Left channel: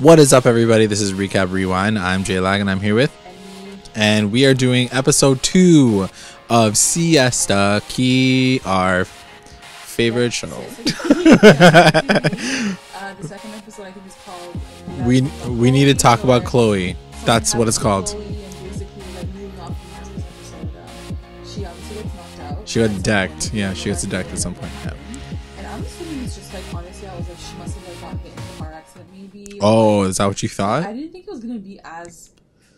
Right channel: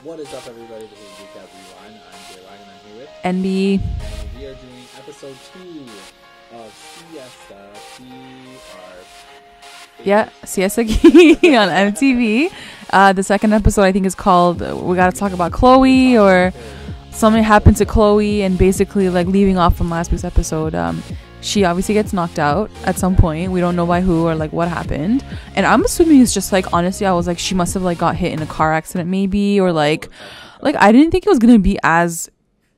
What is up, everybody? This is Recap Rewind. I'm Jay Lag, and I'm here with NB. And we are doing episode 2 of Siesta, our favorite show. Siesta on MTV. The second episode, I think, is called We Gotta Talk About Chloe. We need to talk about Chloe. Something happens to Chloe, and basically, like, leaving off from last week's episode, she obviously gets knocked out at some point. We don't know by who or like what happened. And I'm assuming it's just like, honestly, I was like, she must have like got hit in a car accident maybe, or like, is that what you thought? Like, I didn't think it was gonna be as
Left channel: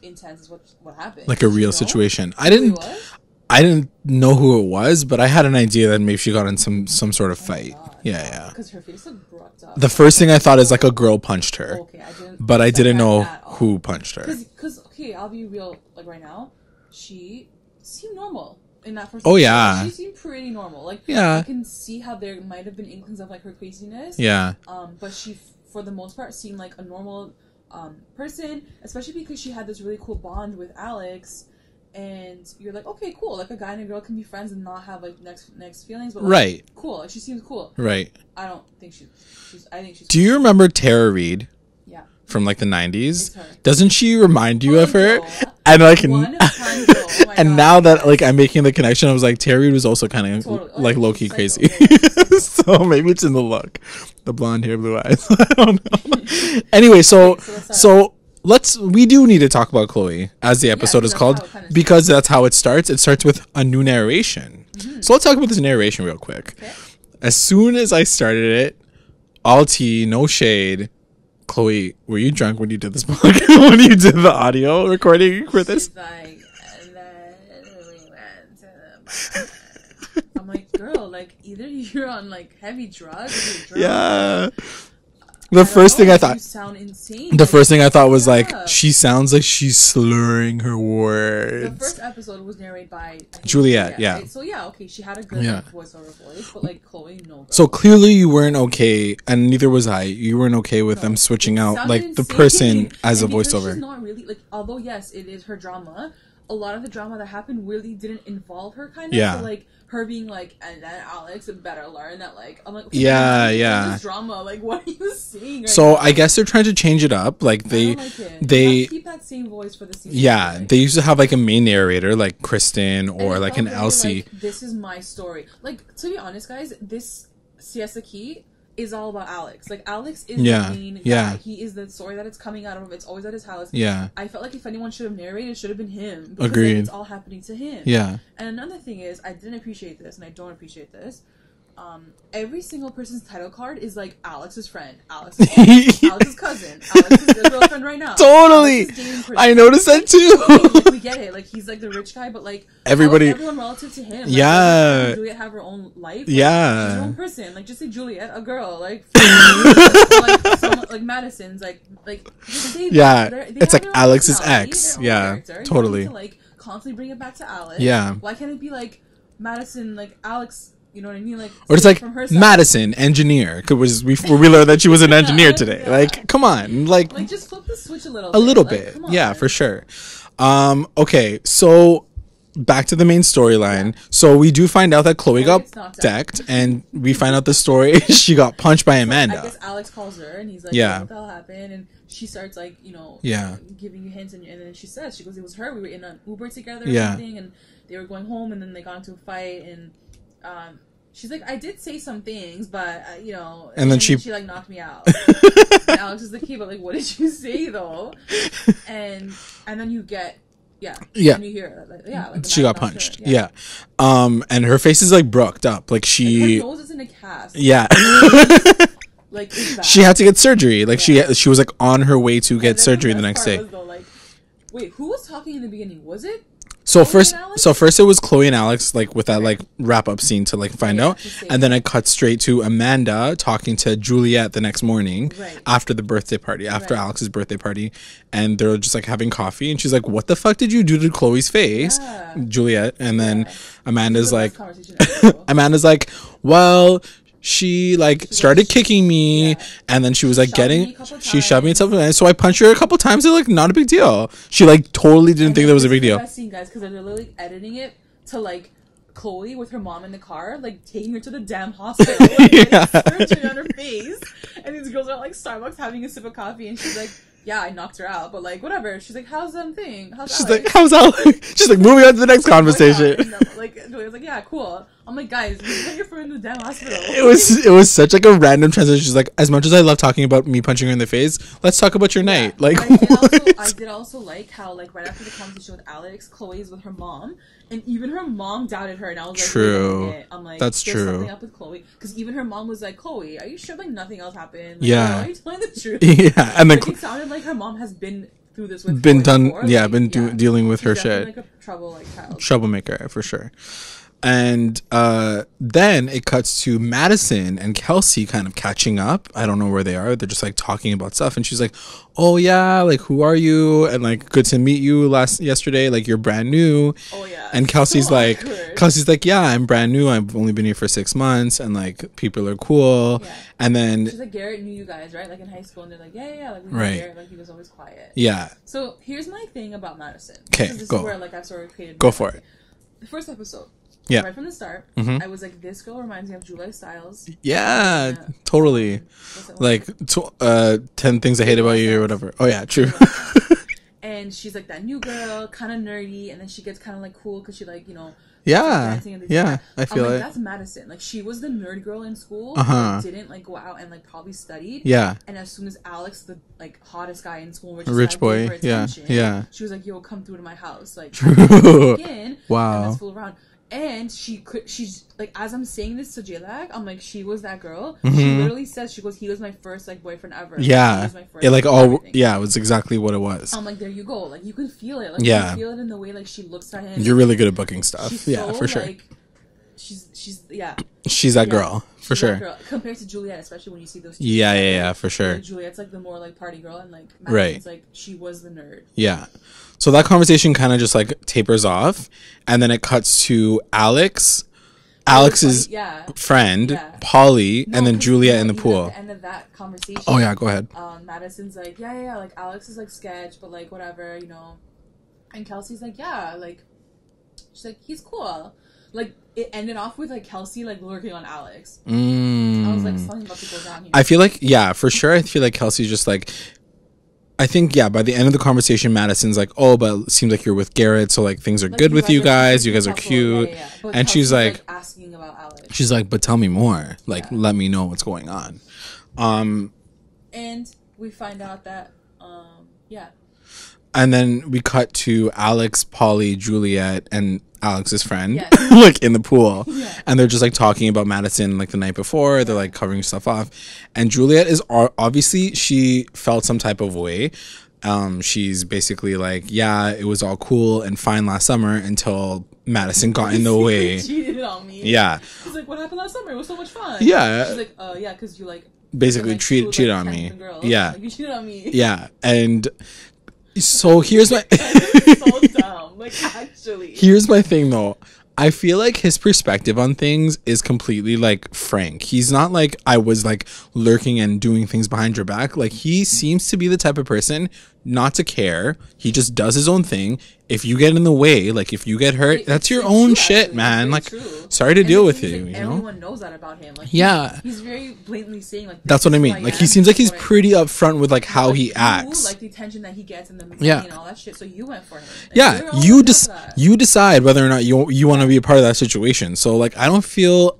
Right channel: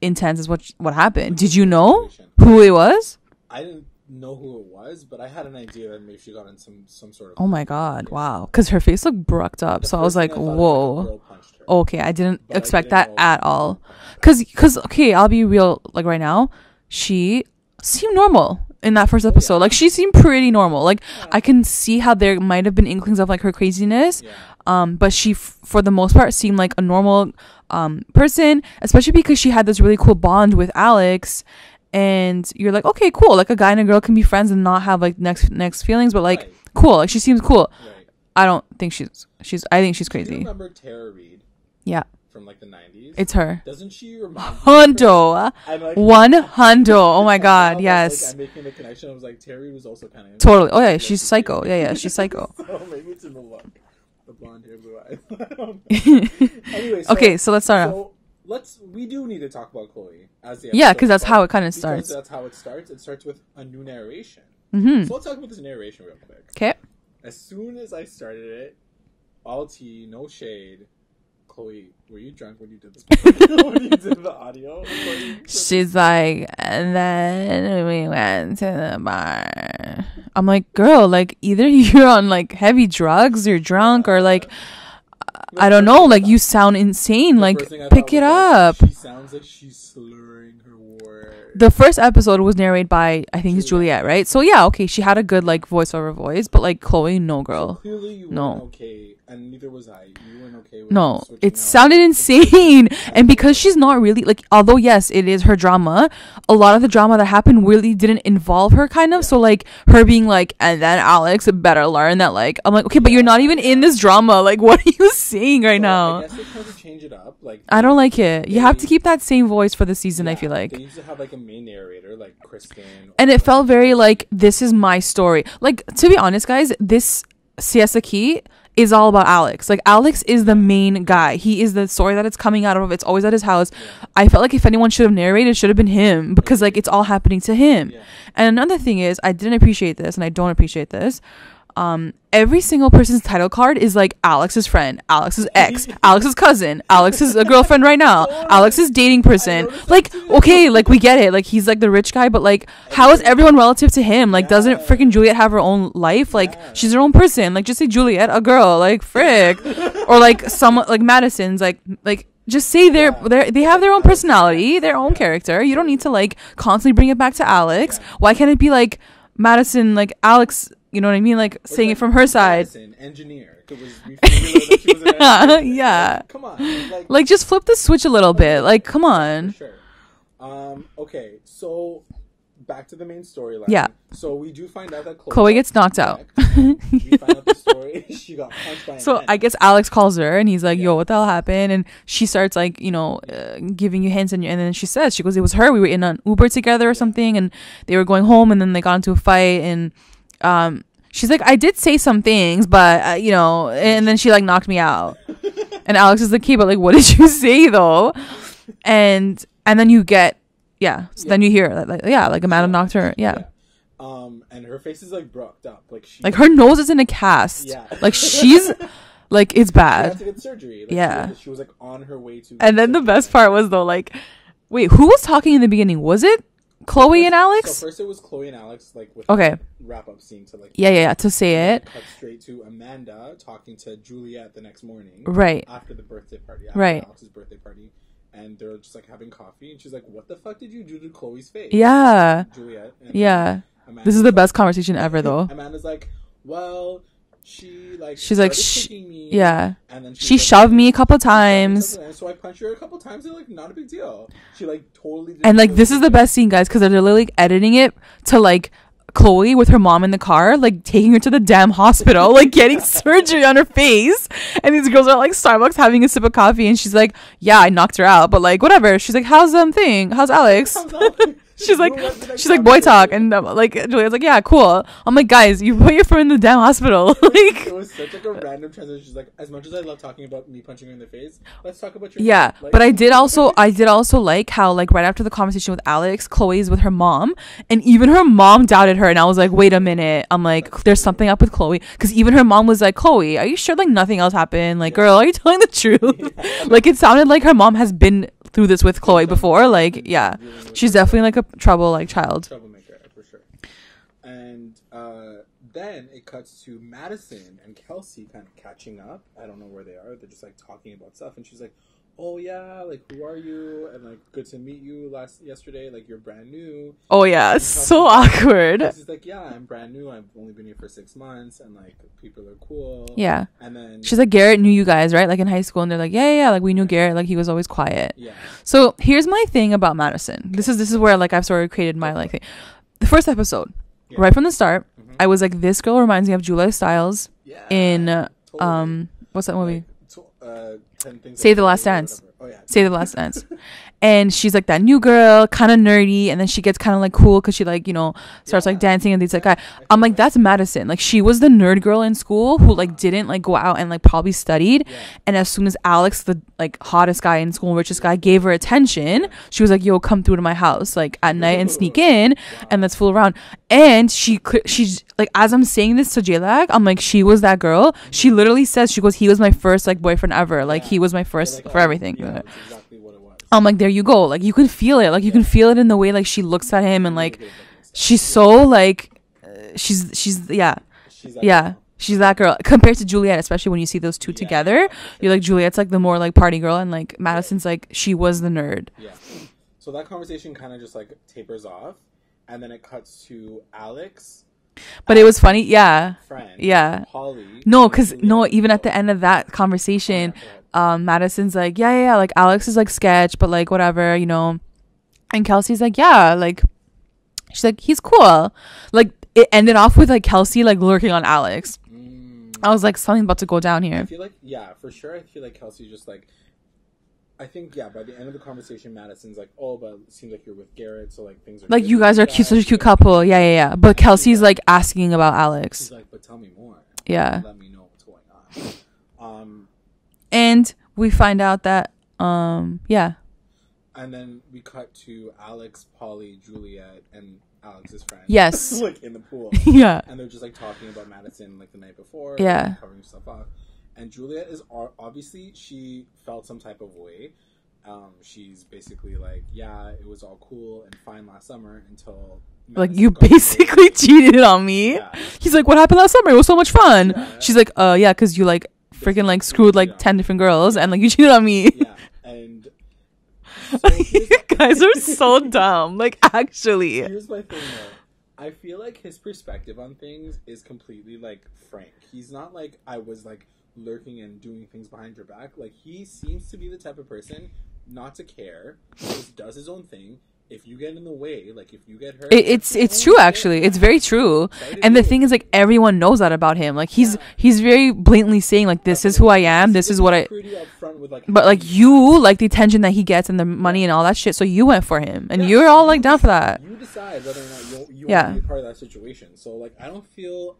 intense as what happened. Like, did you know situation. Who it was? I didn't know who it was, but I had an idea that maybe she got in some sort of fight. Oh my god! Yeah, wow, because her face looked brooked up. The first thing I thought is like a girl punched her. Okay, I didn't, but I didn't know at all who punched her. Because okay, I'll be real. Like right now, she seemed normal in that first episode. Like she seemed pretty normal. Like I can see how there might have been inklings of like her craziness. Yeah. But she, for the most part, seemed like a normal person, especially because she had this really cool bond with Alex. And you're like, okay, cool. Like a guy and a girl can be friends and not have like next feelings, but like cool. Like she seems cool. Right. I don't think she's. I think she's. Do you remember Tara Reid? Yeah. From like the 90s. It's her. Doesn't she remind you of her? And like 100. Oh my god. And now that like I'm making the connection, I was like, Tara Reid was also kind of totally. Oh like, yeah, she's psycho. Crazy. Yeah, she's psycho. So maybe it's in the look, the blonde hair, blue eyes. I don't know. Anyway, so okay, so let's start. We do need to talk about Chloe as the episode is that's called. How it kind of because that's how it starts. It starts with a new narration. Mm-hmm. So let's talk about this narration real quick. Okay. As soon as I started it, all tea, no shade. Chloe, were you drunk when you did this when you did the audio recording for this? She's like, and then we went to the bar. I'm like, girl, like either you're on like heavy drugs, you're drunk, or like I don't know, like you sound insane. The first thing I thought was like, she sounds like she's slurring her words. The first episode was narrated by, I think, Juliette, right? So yeah, okay, she had a good like voiceover voice, but like Chloe, no girl. So clearly you weren't okay, and neither was I. You weren't okay with them switching out. It sounded like, insane, and because she's not really like. Although yes, it is her drama. A lot of the drama that happened really didn't involve her, kind of. So like her being like, and then Alex better learn that. Like I'm like, okay, but you're not even in this drama. Like, what are you saying right now? I guess they're trying to change it up. Like I don't like it. You have to keep that same voice for the season. Yeah, I feel like. They used to have like a main narrator, like Kristen, and it like felt very Elsie. like, this is my story. Like, to be honest, guys, this Siesta Key is all about Alex. Like Alex is the main guy. He is the story that it's coming out of. It's always at his house. Yeah. I felt like if anyone should have narrated, it should have been him, because like it's all happening to him. Yeah. And another thing is, I didn't appreciate this, and I don't appreciate this. Every single person's title card is like Alex's friend, Alex's ex, Alex's cousin, Alex's girlfriend right now, Alex's dating person. I noticed like, that too. Okay, like we get it. Like he's like the rich guy, but like how is everyone relative to him? Like doesn't freaking Juliette have her own life? Like she's her own person. Like just say Juliette, a girl, like frick. Or like someone like Madison's like just say they have like their own Alex's personality, ex. their own character. You don't need to like constantly bring it back to Alex. Why can't it be like Madison, like Alex? You know what I mean? Like, or it's like from her side. Madison, engineer. Because we learned that she was an engineer today. Like, come on. Like just flip the switch a little bit. Like, come on. Yeah, for sure. Okay, so back to the main storyline. Yeah. So we do find out that Chloe gets knocked out. And we find out the story. She got punched by Amanda. I guess Alex calls her and he's like, yo, what the hell happened? And she starts like, giving you hints. And then she goes, it was her. We were in an Uber together or something. And they were going home, and then they got into a fight. And she's like, I did say some things, but and then she like knocked me out. And Alex is like, okay, but like, what did you say though? And then you get then you hear like Amanda knocked her. And her face is like brooked up, like her nose is in a cast. Like she's like, it's bad. She had to get surgery. Like she was like on her way to get surgery. And then the best part was though, like, wait, who was talking in the beginning? Was it Chloe and Alex? So first it was Chloe and Alex, like with that like wrap up scene to like find out. To say and then it cut straight to Amanda talking to Juliette the next morning. Right. After the birthday party, after Alex's birthday party. And they're just like having coffee, and she's like, what the fuck did you do to Chloe's face? Yeah. Juliette. And then Amanda's this is the best conversation ever though. Amanda's like, well, she started kicking me, and then she was like shoved me a couple times. She shoved me so I punched her a couple times. And like, not a big deal. She like totally didn't think it was a big deal. And this is the best scene, guys, because they're literally editing it to like Chloe with her mom in the car, like taking her to the damn hospital, like getting surgery on her face. And these girls are like Starbucks having a sip of coffee, and she's like, yeah, I knocked her out, but like whatever. She's like, how's thing? How's Alex? How's Alex? She's like, moving on to the next conversation. Like, boy talk. And like Juliette's like, yeah, cool. I'm like, guys, you put your friend in the damn hospital. It was such like a random transition. She's like, as much as I love talking about me punching her in the face, let's talk about your night. Like, but I did also like how like right after the conversation with Alex, Chloe's with her mom, and even her mom doubted her, and I was like, wait a minute. I'm like, there's something up with Chloe, because even her mom was like, Chloe, are you sure like nothing else happened? Like, girl, are you telling the truth? Yeah, and like it sounded like her mom has been through this with Chloe before. Dealing with she's her definitely shit. like a troublemaker for sure. And then it cuts to Madison and Kelsey kind of catching up. I don't know where they are. They're just like talking about stuff, and she's like, oh yeah, like who are you, and like good to meet you yesterday, like you're brand new. Oh yeah. And Kelsey's so like awkward. Kelsey's like, yeah, I'm brand new, I've only been here for 6 months, and like people are cool. Yeah. And then she's like, Garrett knew you guys, right? Like in high school. And they're like, yeah, like we knew Garrett, like he was always quiet. Yeah. So here's my thing about Madison. This is where like I've sort of created my like thing. The first episode, right from the start, I was like, this girl reminds me of Julia Stiles. Yeah, totally. What's that one? Like 10 Things I Hate About You or whatever. Oh yeah, true. Save the Last Dance. And she's like that new girl, kind of nerdy, and then she gets kind of like cool because she like, you know, starts like dancing and things like that. I'm like, that's Madison. Like she was the nerd girl in school who like didn't like go out and like probably studied. Yeah. And as soon as Alex, the like hottest guy in school, richest guy, gave her attention, she was like, yo, come through to my house like at night and sneak in, and let's fool around. And she's like, as I'm saying this to J-Lag, I'm like, she was that girl. She literally says, she goes, he was my first like boyfriend ever. Like he was my first like for everything. Yeah, it was exactly what it was. I'm like, there you go. Like you can feel it. Like you can feel it in the way like she looks at him. You're and really like, good at booking stuff. She's so like, she's that girl. She's that girl compared to Juliette, especially when you see those two together. Yeah, for sure. Like Juliette's like the more like party girl, and like Madison's like she was the nerd. Yeah. So that conversation kind of just like tapers off, and then it cuts to Alex. But Alex's it was funny, friend, Polly, and then Juliette in the even pool. At the end of that conversation, oh yeah, go ahead. Madison's like, yeah, like Alex is like sketch, but like whatever, you know. And Kelsey's like, yeah, like she's like, he's cool. Like it ended off with like Kelsey like lurking on Alex. I was like, something's about to go down here. I feel like, yeah, for sure. I feel like Kelsey's just like, I think, yeah, by the end of the conversation, Madison's like, oh, but it seems like you're with Garrett, so like things are like, good with you guys. You guys couple. are cute. Yeah. But and Kelsey's like asking about Alex. She's like, but tell me more. Like, let me know what's going on. And we find out that, yeah. And then we cut to Alex, Polly, Juliette, and Alex's friend. Yes. Like in the pool. Yeah. And they're just like talking about Madison like the night before. They're like covering stuff off. And Juliette is obviously, she felt some type of way. She's basically like, yeah, it was all cool and fine last summer until Madison got in the way. Cheated on me. Yeah. He's like, what happened last summer? It was so much fun. Yeah. She's like, yeah, because you like freaking like screwed like 10 different girls and like you cheated on me. Yeah. And so here's my guys are so dumb. Like actually. Here's my thing though. I feel like his perspective on things is completely like frank. He's not like, I was like lurking and doing things behind your back. Like he seems to be the type of person not to care. He just does his own thing. If you get in the way, like if you get hurt, that's your own true, shit, actually. man. It's very like, true. Sorry to and deal the with thing is, like, everyone knows that about him. Like, he's very blatantly saying, like, this is who I am. He seems like he's pretty upfront with like how he acts. You like the attention that he gets and the money and all that shit. So you went for him, and you're all like down for that. You decide whether or not you want to be a part of that situation. So like, I don't feel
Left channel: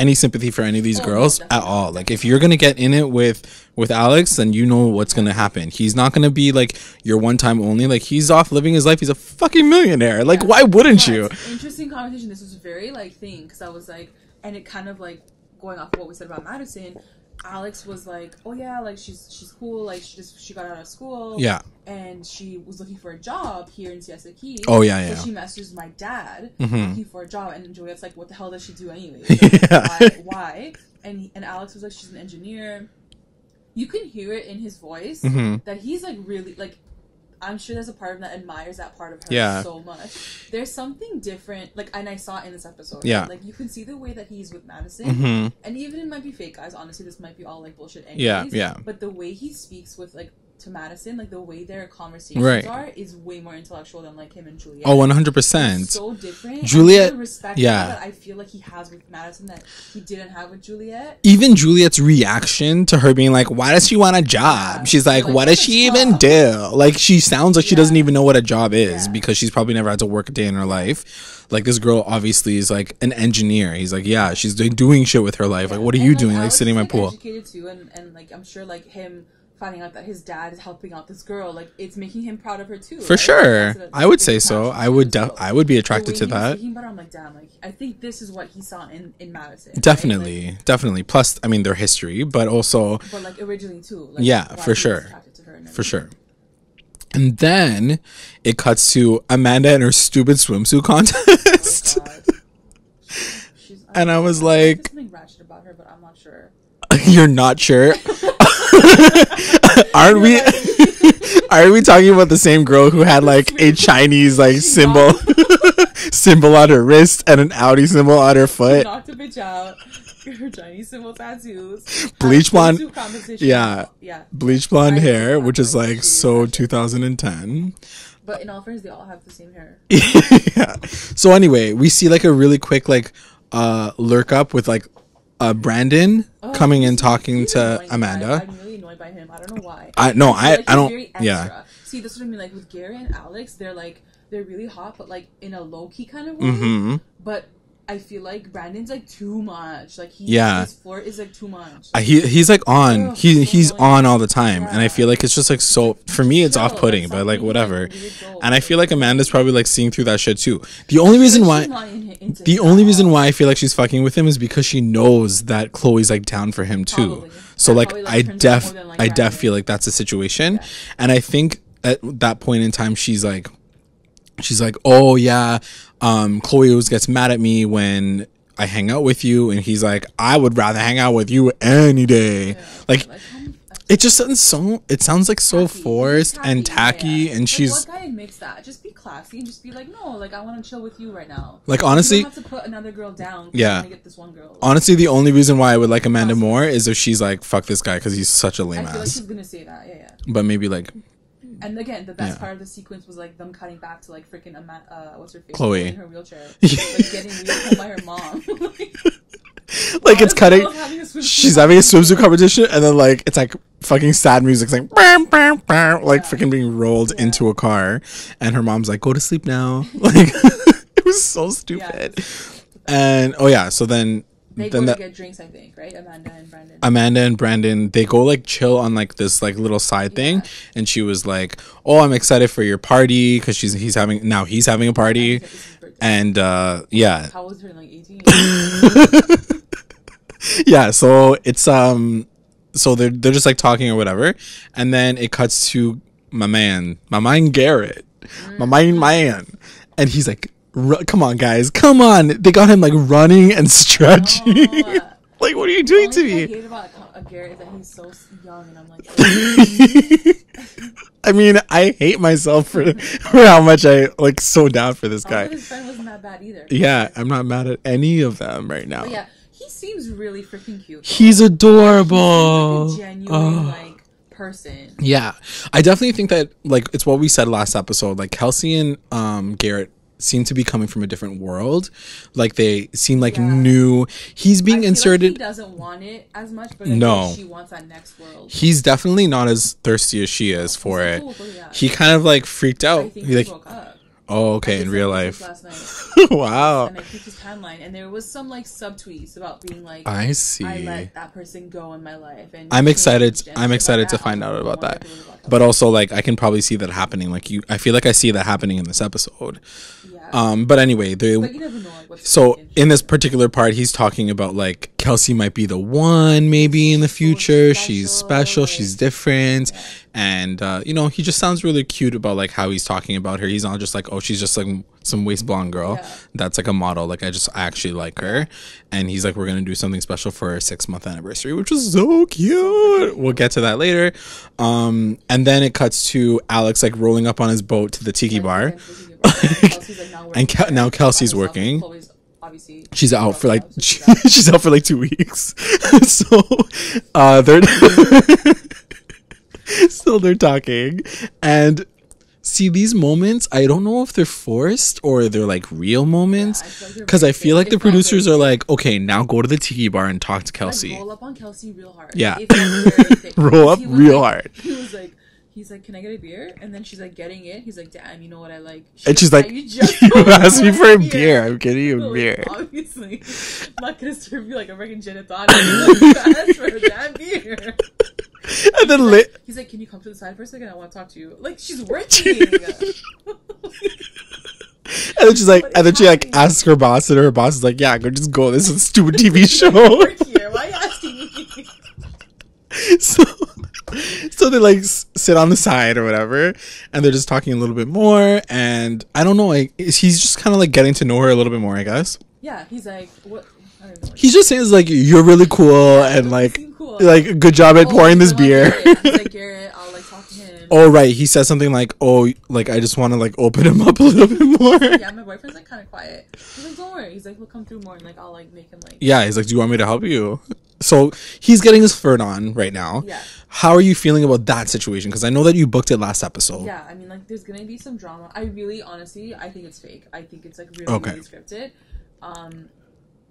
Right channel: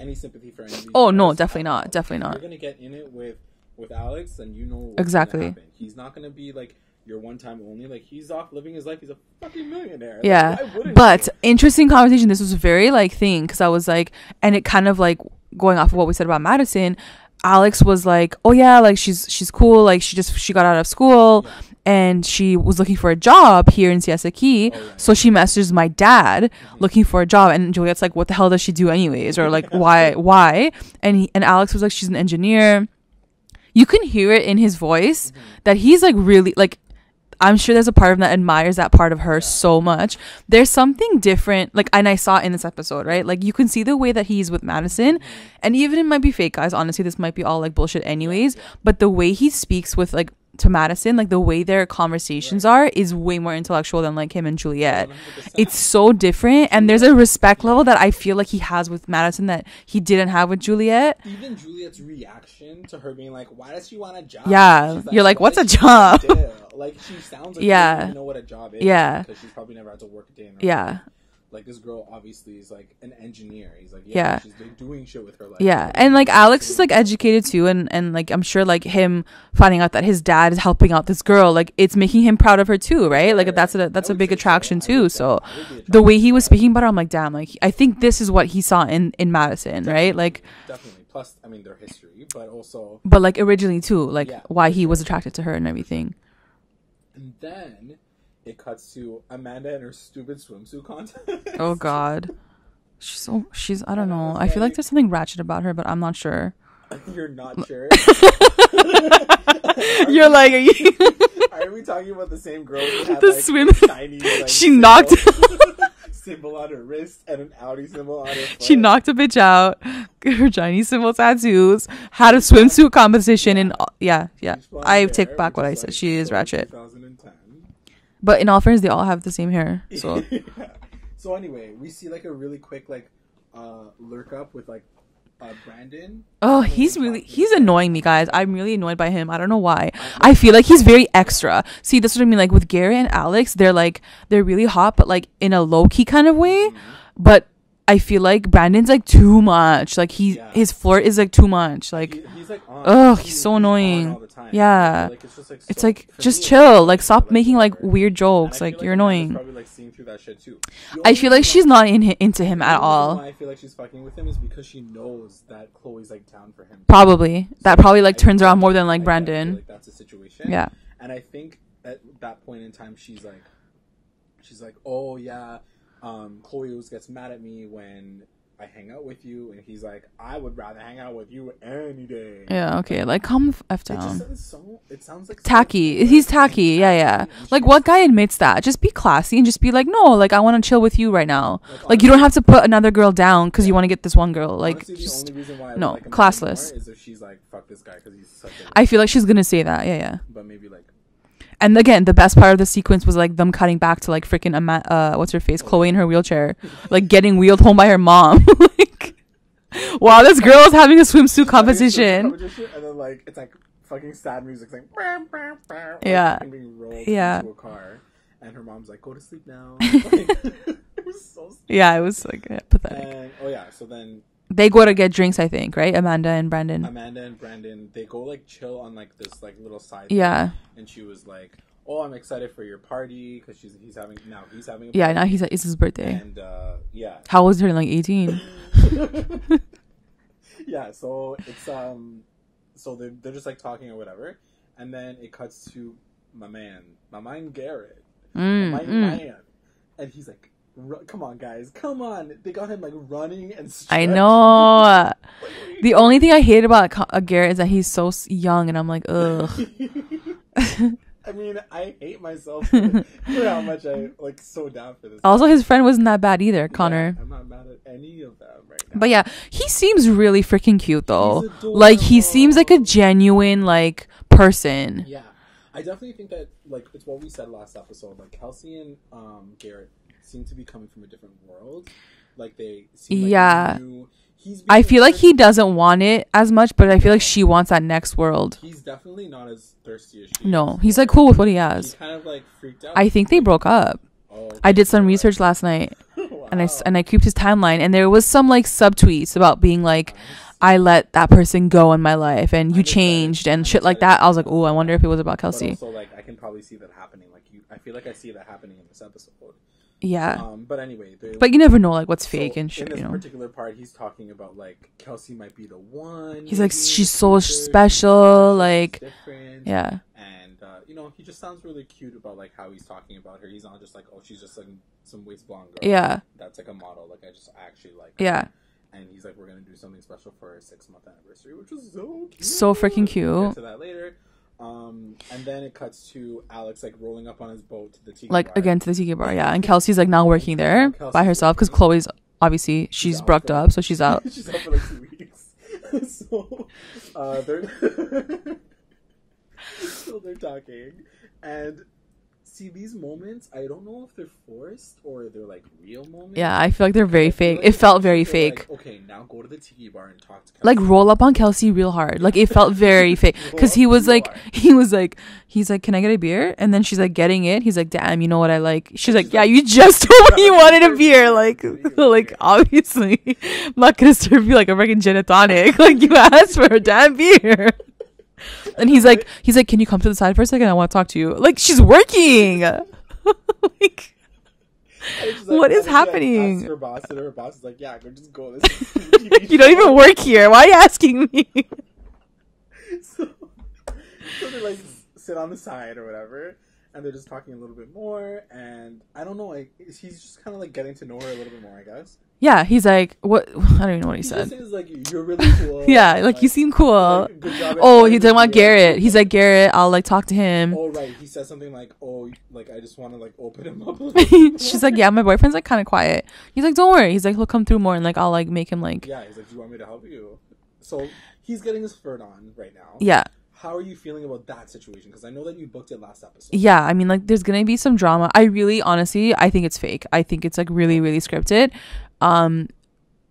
any sympathy for any of these girls at all. Like, if you're gonna get in it with Alex, then you know what's going to happen. He's not going to be like your one time only. Like, he's off living his life. He's a fucking millionaire. Like, why wouldn't you? But interesting conversation. This was very like thing, because I was like, and it kind of like going off of what we said about Madison. Alex was like, oh yeah, like she's cool. Like she got out of school. Yeah. And she was looking for a job here in Siesta Key. Oh yeah. So she messages my dad looking for a job, and Juliette's like, what the hell does she do anyways? Or like, why? And Alex was like, she's an engineer. You can hear it in his voice that he's like really like, I'm sure there's a part of him that admires that part of her so much. There's something different, like, and I saw it in this episode, right? Like, you can see the way that he's with Madison, and even it might be fake, guys. Honestly, this might be all like bullshit anyways. But the way he speaks with like to Madison, like the way their conversations are is way more intellectual than like him and Juliette. Oh, 100%. It's so different. Juliette, and there's a respect level that I feel like he has with Madison that he didn't have with Juliette. Even Juliette's reaction to her being like, why does she want a job? Yeah. She's like, what does she even do? Like, she sounds like she doesn't even know what a job is because she's probably never had to work a day in her life. Like, this girl obviously is like an engineer. He's like, she's doing shit with her life. Yeah. What are you and like doing? Alex is like educated too, and like I'm sure like him finding out that his dad is helping out this girl, like it's making him proud of her too, for right? sure. Like, that's a big attraction too. I would be attracted to the way he was speaking about her. I'm like, damn, like I think this is what he saw in Madison, definitely, right? Like definitely. Plus, I mean, their history, but also, but like originally too, like why he was attracted to her and everything. For sure. And then it cuts to Amanda and her stupid swimsuit contest. Oh God, she's. I don't know. I was like, there's something ratchet about her, but I'm not sure. You're not sure? Are we talking about the same girl who had like a Chinese like symbol on her wrist and an Audi symbol on her foot? She knocked a bitch out. Her Chinese symbol tattoos. Had a swimsuit competition. Bleach blonde hair, which is like so 2010. But in all fairness, they all have the same hair. So. Yeah. So anyway, we see like a really quick like lurk up with like Brandon coming and talking to he's annoying me, Amanda. guys. I'm really annoyed by him. I don't know why. I feel like he's very extra. See, that's what I mean. Like with Garrett and Alex, they're really hot, but like in a low key kind of way. Mm-hmm. But I feel like Brandon's like too much. Like his flirt is like too much. Like, he's like on. He's on all the time. Yeah. And I feel like it's just like so like, for me. It's chill. Like stop making whatever. Like weird jokes. And I feel like Amanda's probably like seeing through that shit too. The only reason why she's not into him. The only reason why I feel like she's fucking with him is because she knows that Chloe's like down for him too. Probably. So that like, probably like turns her on more than like Brandon. I def feel like that's a situation. Yeah. And I think at that point in time she's like, oh yeah, Chloe always gets mad at me when I hang out with you, and he's like, I would rather hang out with you any day. Yeah, okay. Like come after. It just sounds like tacky. So forced. He's tacky. And tacky. Yeah. And like what guy admits that? Just be classy and just be like, no, like I want to chill with you right now. Like honestly, you don't have to put another girl down because you want to get this one girl. Like, honestly, the only reason why I would like Amanda more is if she's like, fuck this guy because he's such a lame I feel like she's gonna say that. Yeah. But maybe like. And again, the best part of the sequence was like them cutting back to like freaking what's her face, Chloe in her wheelchair, like getting wheeled home by her mom. Wow, like this girl is having a swimsuit competition. She's having a swimsuit competition, and then like it's like fucking sad music, it's like freaking being rolled into a car, and her mom's like, "Go to sleep now." Like it was so stupid. Yeah, it was like and so then they go to get drinks, I think, right? Amanda and Brandon, they go like chill on like this like little side thing, and she was like, "Oh, I'm excited for your party," because he's having a party. It's his birthday, and how old is he? Like 18. Yeah, so it's so they're just like talking or whatever, and then it cuts to my man Garrett, my man, and he's like, come on guys, come on, they got him like running and stretching. I know. Like, what are you doing? The only thing I hate about Garrett is that he's so young, and I'm like, ugh. I mean, I hate myself for how much I like so down for this guy. Also, his friend wasn't that bad either, Connor. Yeah, I'm not mad at any of them right now. But yeah, he seems really freaking cute though. He's adorable. Like he seems like a genuine like person. Yeah, I definitely think that like it's what we said last episode. Like Kelsey and Garrett seem to be coming from a different world. Like they seem like new. He's being I feel like he doesn't want it as much, but I feel like she wants that next world. He's definitely not as thirsty as she is for he's like cool with what he has. He kind of like freaked out. I think they broke up. Oh, okay. I did some research last night. Wow. And I creeped his timeline, and there was some like subtweets about being like, I let that person go in my life, and he changed and shit like that. I was like, oh, I wonder if it was about Kelsey. But also, like, I can probably see that happening. Like, I feel like I see that happening in this episode. Yeah. But anyway, but you never know like what's so fake and shit, in this particular part, he's talking about like Kelsey might be the one, maybe in the future. So special, she's special. like, she's different. Yeah. And he just sounds really cute about like how he's talking about her. He's not just like, oh, she's just like some waist blonde girl. Yeah. That's like a model. Like I actually like her. Yeah. And he's like, we're gonna do something special for our 6-month anniversary, which was so cute. So freaking cute. We'll get to that later. And then it cuts to Alex like rolling up on his boat to the tiki bar. Again to the tiki bar, yeah. And Kelsey's like now working there. Now Kelsey's by herself, because Chloe's obviously she's out for like up, so she's out. She's out for like 2 weeks. So they're Still they're talking. And see, these moments, I don't know if they're forced or they're like real moments. Yeah, I feel like they're very fake. Because I feel like the producers are like, okay, now go to the tiki bar and talk to Kelsey. Like roll up on Kelsey real hard. Yeah. Like it felt very fake. Because he was like, he's like, can I get a beer? And then she's like getting it. He's like, damn, you know what I like? She's like, yeah, you just told me you wanted a beer. Like, I'm getting you a beer. Obviously, I'm not gonna serve you like a freaking gin and tonic. Like you asked for a damn beer. And he's like, can you come to the side for a second? I want to talk to you. Like she's working. Like, and then she's like, and then happening? She like asks her boss, and her boss is like, yeah, just go. This is a stupid TV show. You don't even work here. Why are you asking me? So they like sit on the side or whatever, and they're just talking a little bit more. And I don't know, like he's just kind of like getting to know her a little bit more, I guess. Yeah, he's like, what? I don't even know what he's just saying is like, you're really cool. Yeah, and like you seem cool. Like, good job at pouring this beer. Garrett. He's like, Garrett, I'll like talk to him. Oh right, he says something like, oh, like I just want to like open him up a little bit more. She's like, yeah, my boyfriend's like kind of quiet. He's like, don't worry. He's like, he'll come through more, and like I'll like make him like. Yeah, he's like, do you want me to help you? So he's getting his flirt on right now. Yeah. How are you feeling about that situation? Because I know that you booked it last episode. Yeah, I mean, like, there's gonna be some drama. I really, honestly, I think it's fake. I think it's like really, really scripted.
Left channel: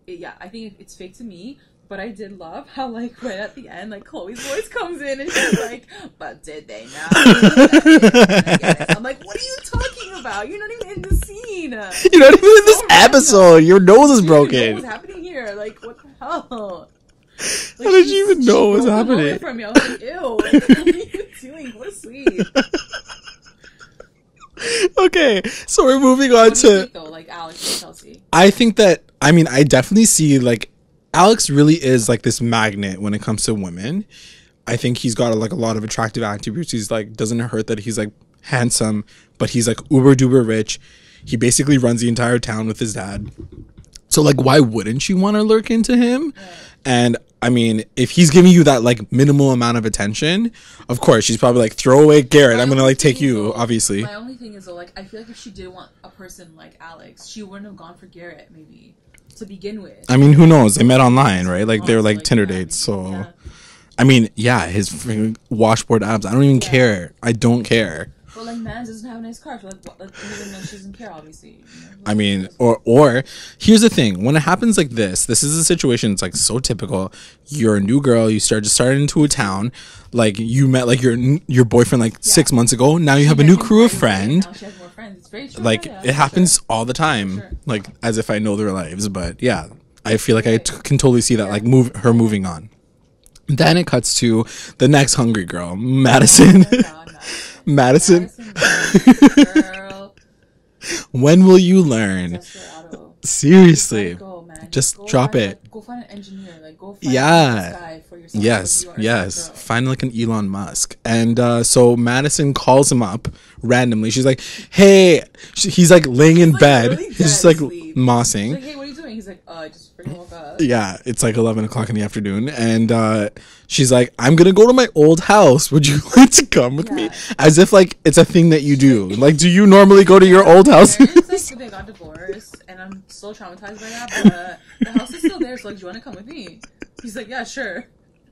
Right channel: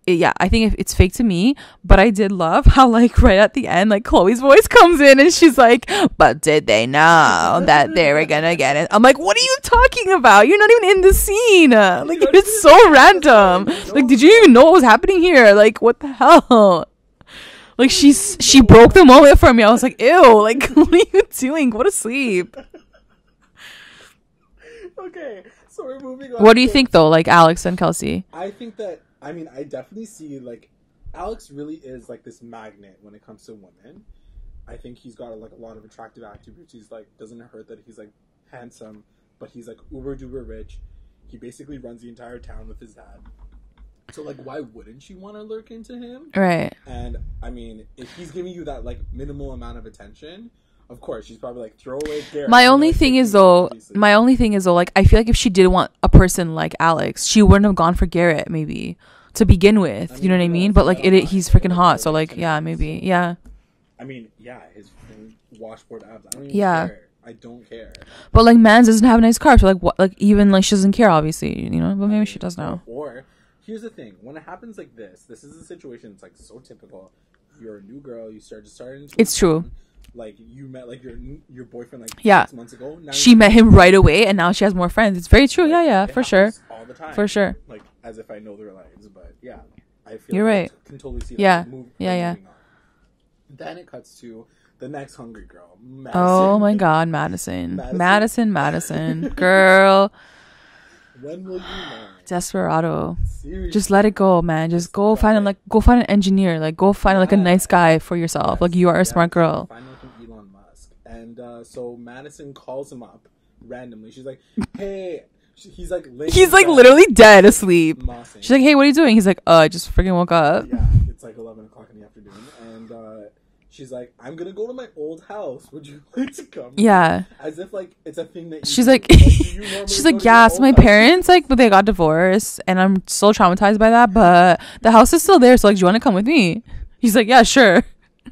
Yeah, I think it's fake to me. But I did love how like right at the end, like Chloe's voice comes in and she's like, "But did they know that they were gonna get it?" I'm like, "What are you talking about? You're not even in the scene. Like, you're not even in so random. Episode. Your nose like, did you even know what was happening here? Like, what the hell?" Like she broke the moment for me. I was like, ew, like what are you doing? Go to sleep. Okay, so we're moving on. What do you think though, like Alex and Kelsey? I think that I definitely see like Alex really is like this magnet when it comes to women. I think he's got like a lot of attractive attributes. He's like, doesn't hurt that he's like handsome, but he's like uber duper rich. He basically runs the entire town with his dad. So, like, why wouldn't you want to lurk into him? Right. And, I mean, if he's giving you that, like, minimal amount of attention, of course, she's probably like, throw away Garrett. I'm going to, like, take you, obviously. My only thing is, though, like, I feel like if she did want a person like Alex, she wouldn't have gone for Garrett, maybe, to begin with. I mean, who knows? They met online, right? Like, they're, like, Tinder dates. Maybe. So. Yeah. I mean, yeah, his freaking washboard abs. I don't even care. I don't care. But like, Mans doesn't have a nice car, so like, what? Like, even like, she doesn't care, obviously. You know. I mean, or here's the thing: when it happens like this is a situation. It's like so typical. You're a new girl. You started into a town. True. Like you met like your boyfriend like 6 months ago. Now you have a new him right away, and now she has more friends. It's very true. Like, yeah, it happens all the time. For sure. Like as if I know their lives, but yeah, I feel like I can totally see that. Yeah. Like moving on. Then it cuts to the next hungry girl, Madisson. Oh my God, Madisson. Madisson. Girl. When will you learn? Desperado. Seriously. Just let it go, man. Just go find go find an engineer. Like go find like a nice guy for yourself. Yes, like you are a smart girl. Find like an Elon Musk. And so Madisson calls him up randomly. She's like, hey, he's like laying in bed. He's like literally dead asleep. Mossing. She's like, hey, what are you doing? He's like, I just freaking woke up. Yeah, it's like 11 o'clock in the afternoon. And she's like, I'm going to go to my old house. Would you like to come with me? As if like it's a thing that you do. Like, do you normally go to your old house? My parents, like, but they got divorced. And I'm still traumatized by that. But the house is still there. So like, do you want to come with me? He's like, yeah, sure.